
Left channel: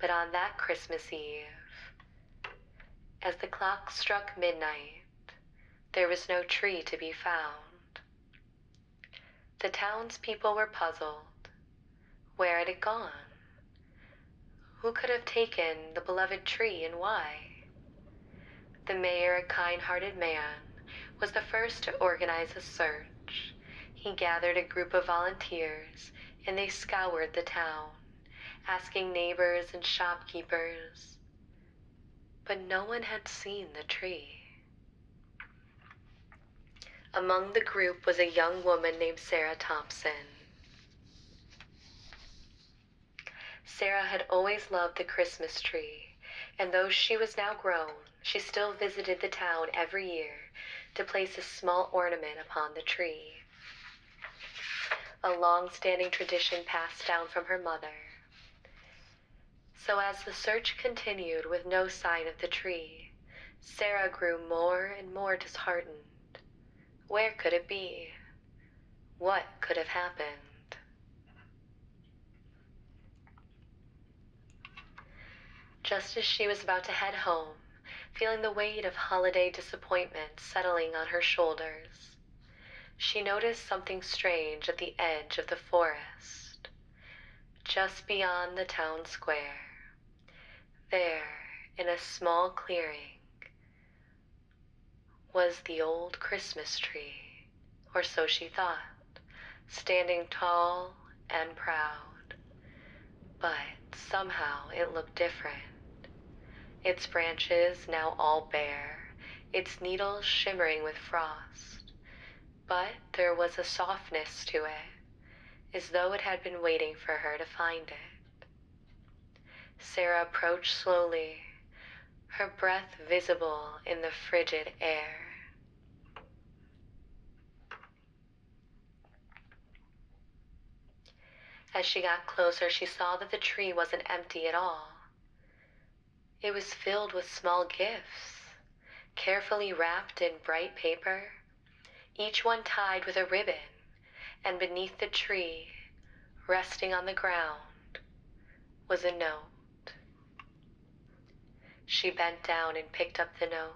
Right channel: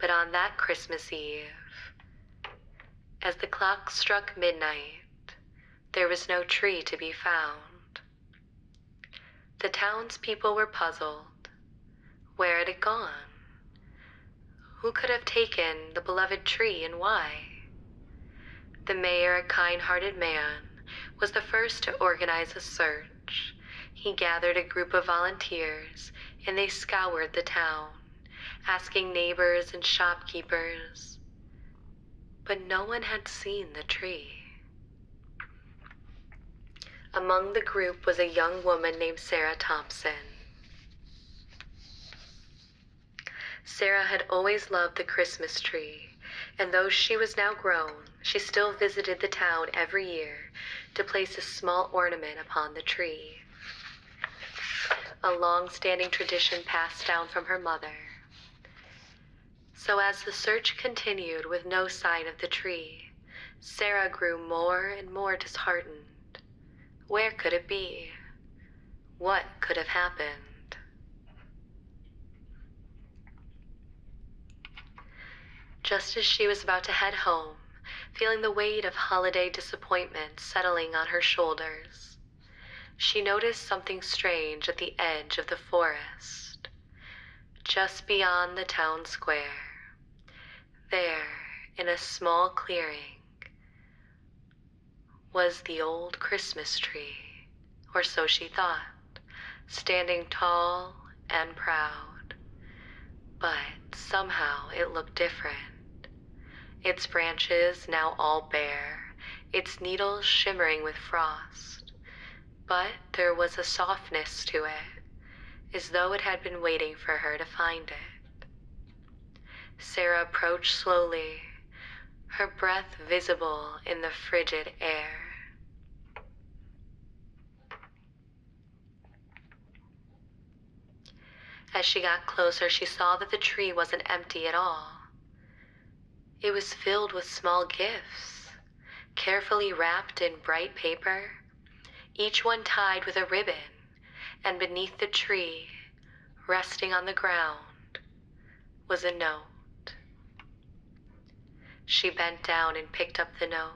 But on that Christmas Eve, as the clock struck midnight, there was no tree to be found. The townspeople were puzzled. Where had it gone? Who could have taken the beloved tree, and why? The mayor, a kind-hearted man, was the first to organize a search. He gathered a group of volunteers, and they scoured the town, asking neighbors and shopkeepers, but no one had seen the tree. Among the group was a young woman named Sarah Thompson. Sarah had always loved the Christmas tree, and though she was now grown, she still visited the town every year to place a small ornament upon the tree, a long-standing tradition passed down from her mother. So as the search continued with no sign of the tree, Sarah grew more and more disheartened. Where could it be? What could have happened? Just as she was about to head home, feeling the weight of holiday disappointment settling on her shoulders, she noticed something strange at the edge of the forest, just beyond the town square. There, in a small clearing, was the old Christmas tree, or so she thought, standing tall and proud. But somehow it looked different. Its branches now all bare, its needles shimmering with frost. But there was a softness to it, as though it had been waiting for her to find it. Sarah approached slowly, her breath visible in the frigid air. As she got closer, she saw that the tree wasn't empty at all. It was filled with small gifts, carefully wrapped in bright paper, each one tied with a ribbon, and beneath the tree, resting on the ground, was a note. She bent down and picked up the note.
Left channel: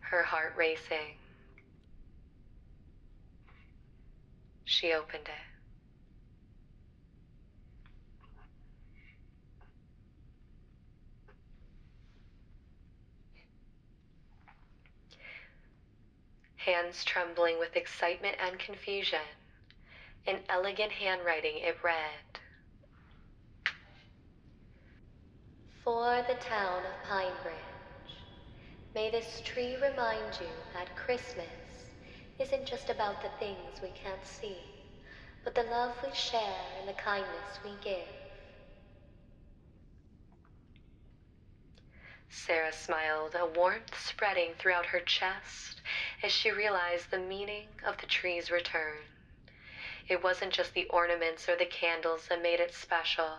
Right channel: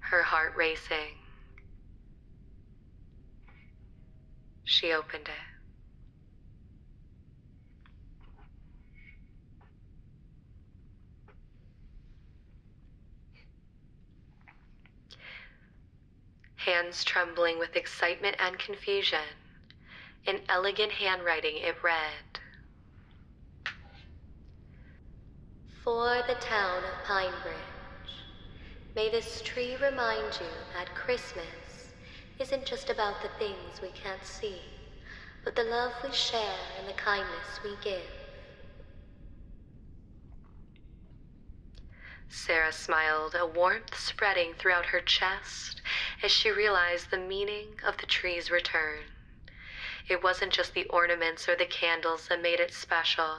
Her heart racing. She opened it. Hands trembling with excitement and confusion, in elegant handwriting it read, "For the town of Pinebridge, may this tree remind you that Christmas isn't just about the things we can't see, but the love we share and the kindness we give." Sarah smiled, a warmth spreading throughout her chest as she realized the meaning of the tree's return. It wasn't just the ornaments or the candles that made it special.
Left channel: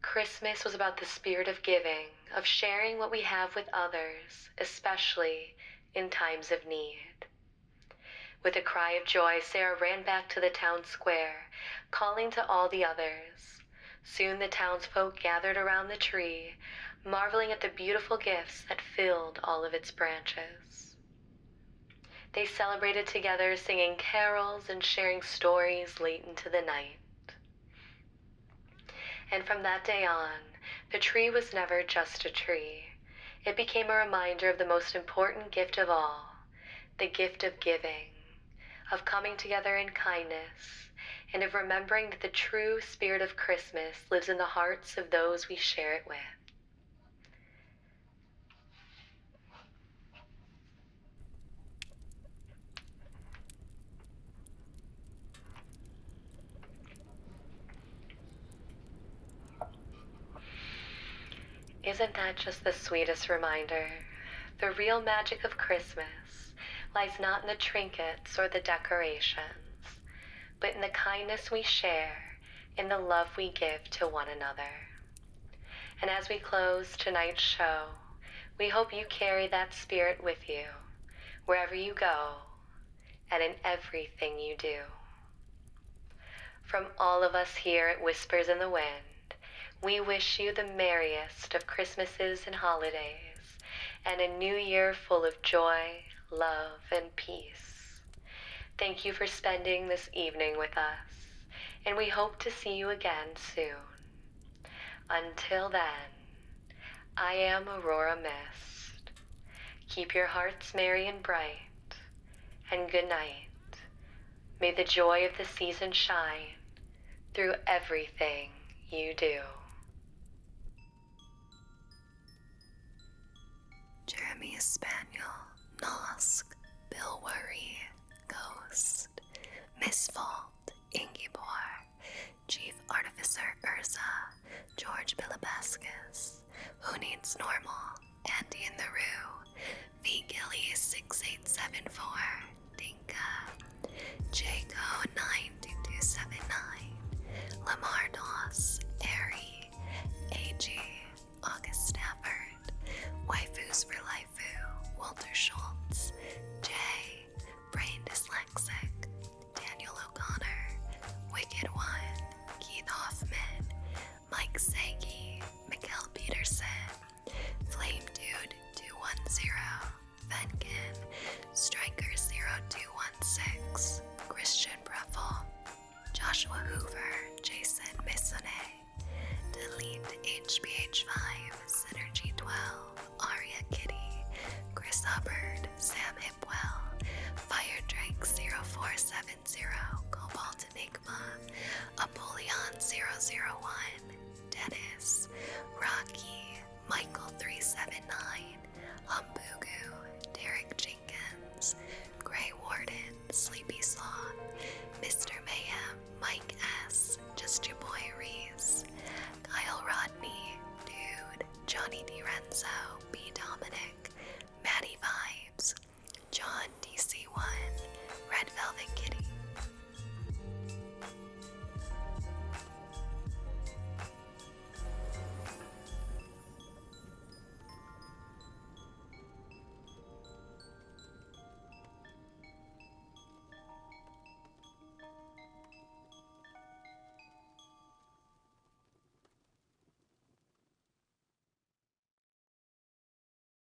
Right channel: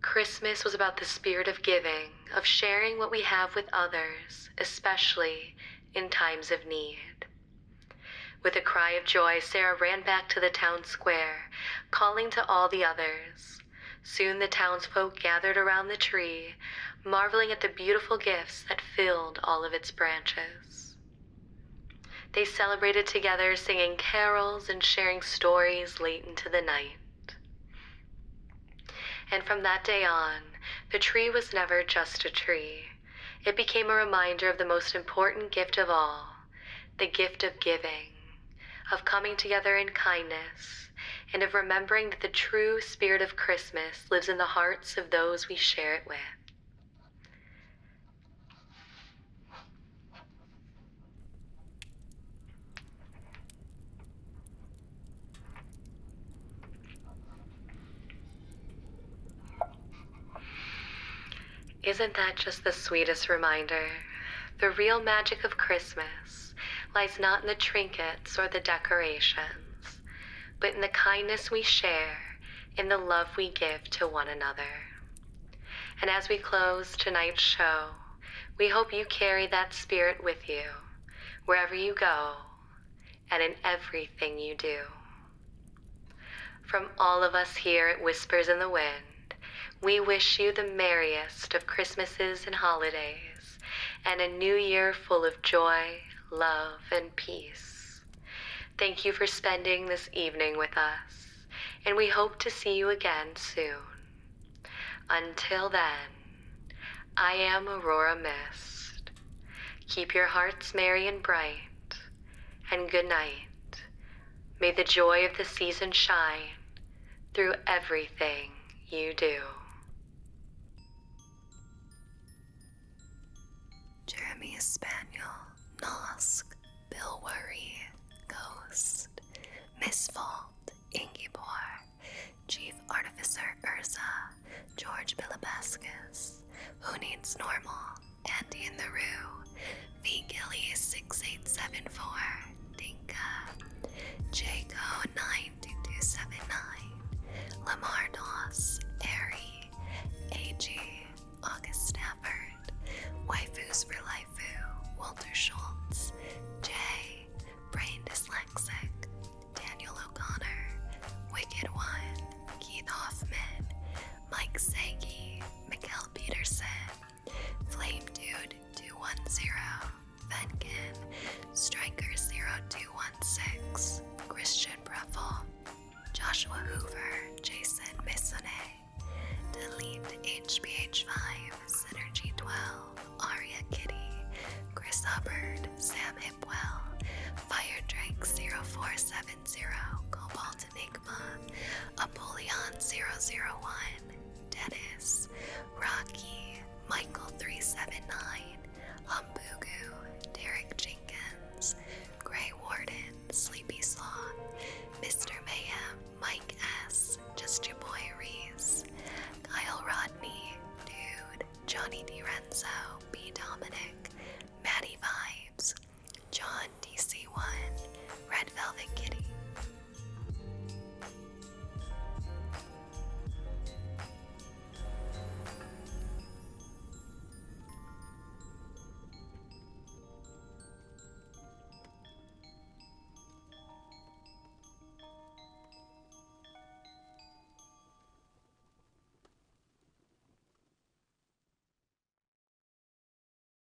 Christmas was about the spirit of giving, of sharing what we have with others, especially in times of need. With a cry of joy, Sarah ran back to the town square, calling to all the others. Soon the townsfolk gathered around the tree, marveling at the beautiful gifts that filled all of its branches. They celebrated together, singing carols and sharing stories late into the night. And from that day on, the tree was never just a tree. It became a reminder of the most important gift of all, the gift of giving, of coming together in kindness, and of remembering that the true spirit of Christmas lives in the hearts of those we share it with. Isn't that just the sweetest reminder? The real magic of Christmas lies not in the trinkets or the decorations, but in the kindness we share, in the love we give to one another. And as we close tonight's show, we hope you carry that spirit with you, wherever you go, and in everything you do. From all of us here at Whispers in the Wind, we wish you the merriest of Christmases and holidays, and a new year full of joy, love, and peace. Thank you for spending this evening with us, and we hope to see you again soon. Until then, I am Aurora Mist. Keep your hearts merry and bright, and good night. May the joy of the season shine through everything you do. Jeremy Spaniel, Nosk, Bill Worry, Ghost, Miss Fault, Ingibor, Chief Artificer Urza, George Bilibascus, Who Needs Normal, Andy in the Roo, V Gilly 6874, Dinka, Jaco 92279, Lamar Doss, Airy, AG, August Stafford, Waifus for Laifu, Walter Schultz, Jay, Brain Dyslexic, Daniel O'Connor, Wicked One, Keith Hoffman, Mike Sagi, Mikkel Peterson, Flame Dude 210, Venkin, Striker 0216, Christian Breffel, Joshua Hoover, Jason Missone, Delete HBH5, Synergy 12, Aria Kitty, Chris Hubbard, Sam Hipwell, Fire Drake 0470, Cobalt Enigma, Apollyon 001,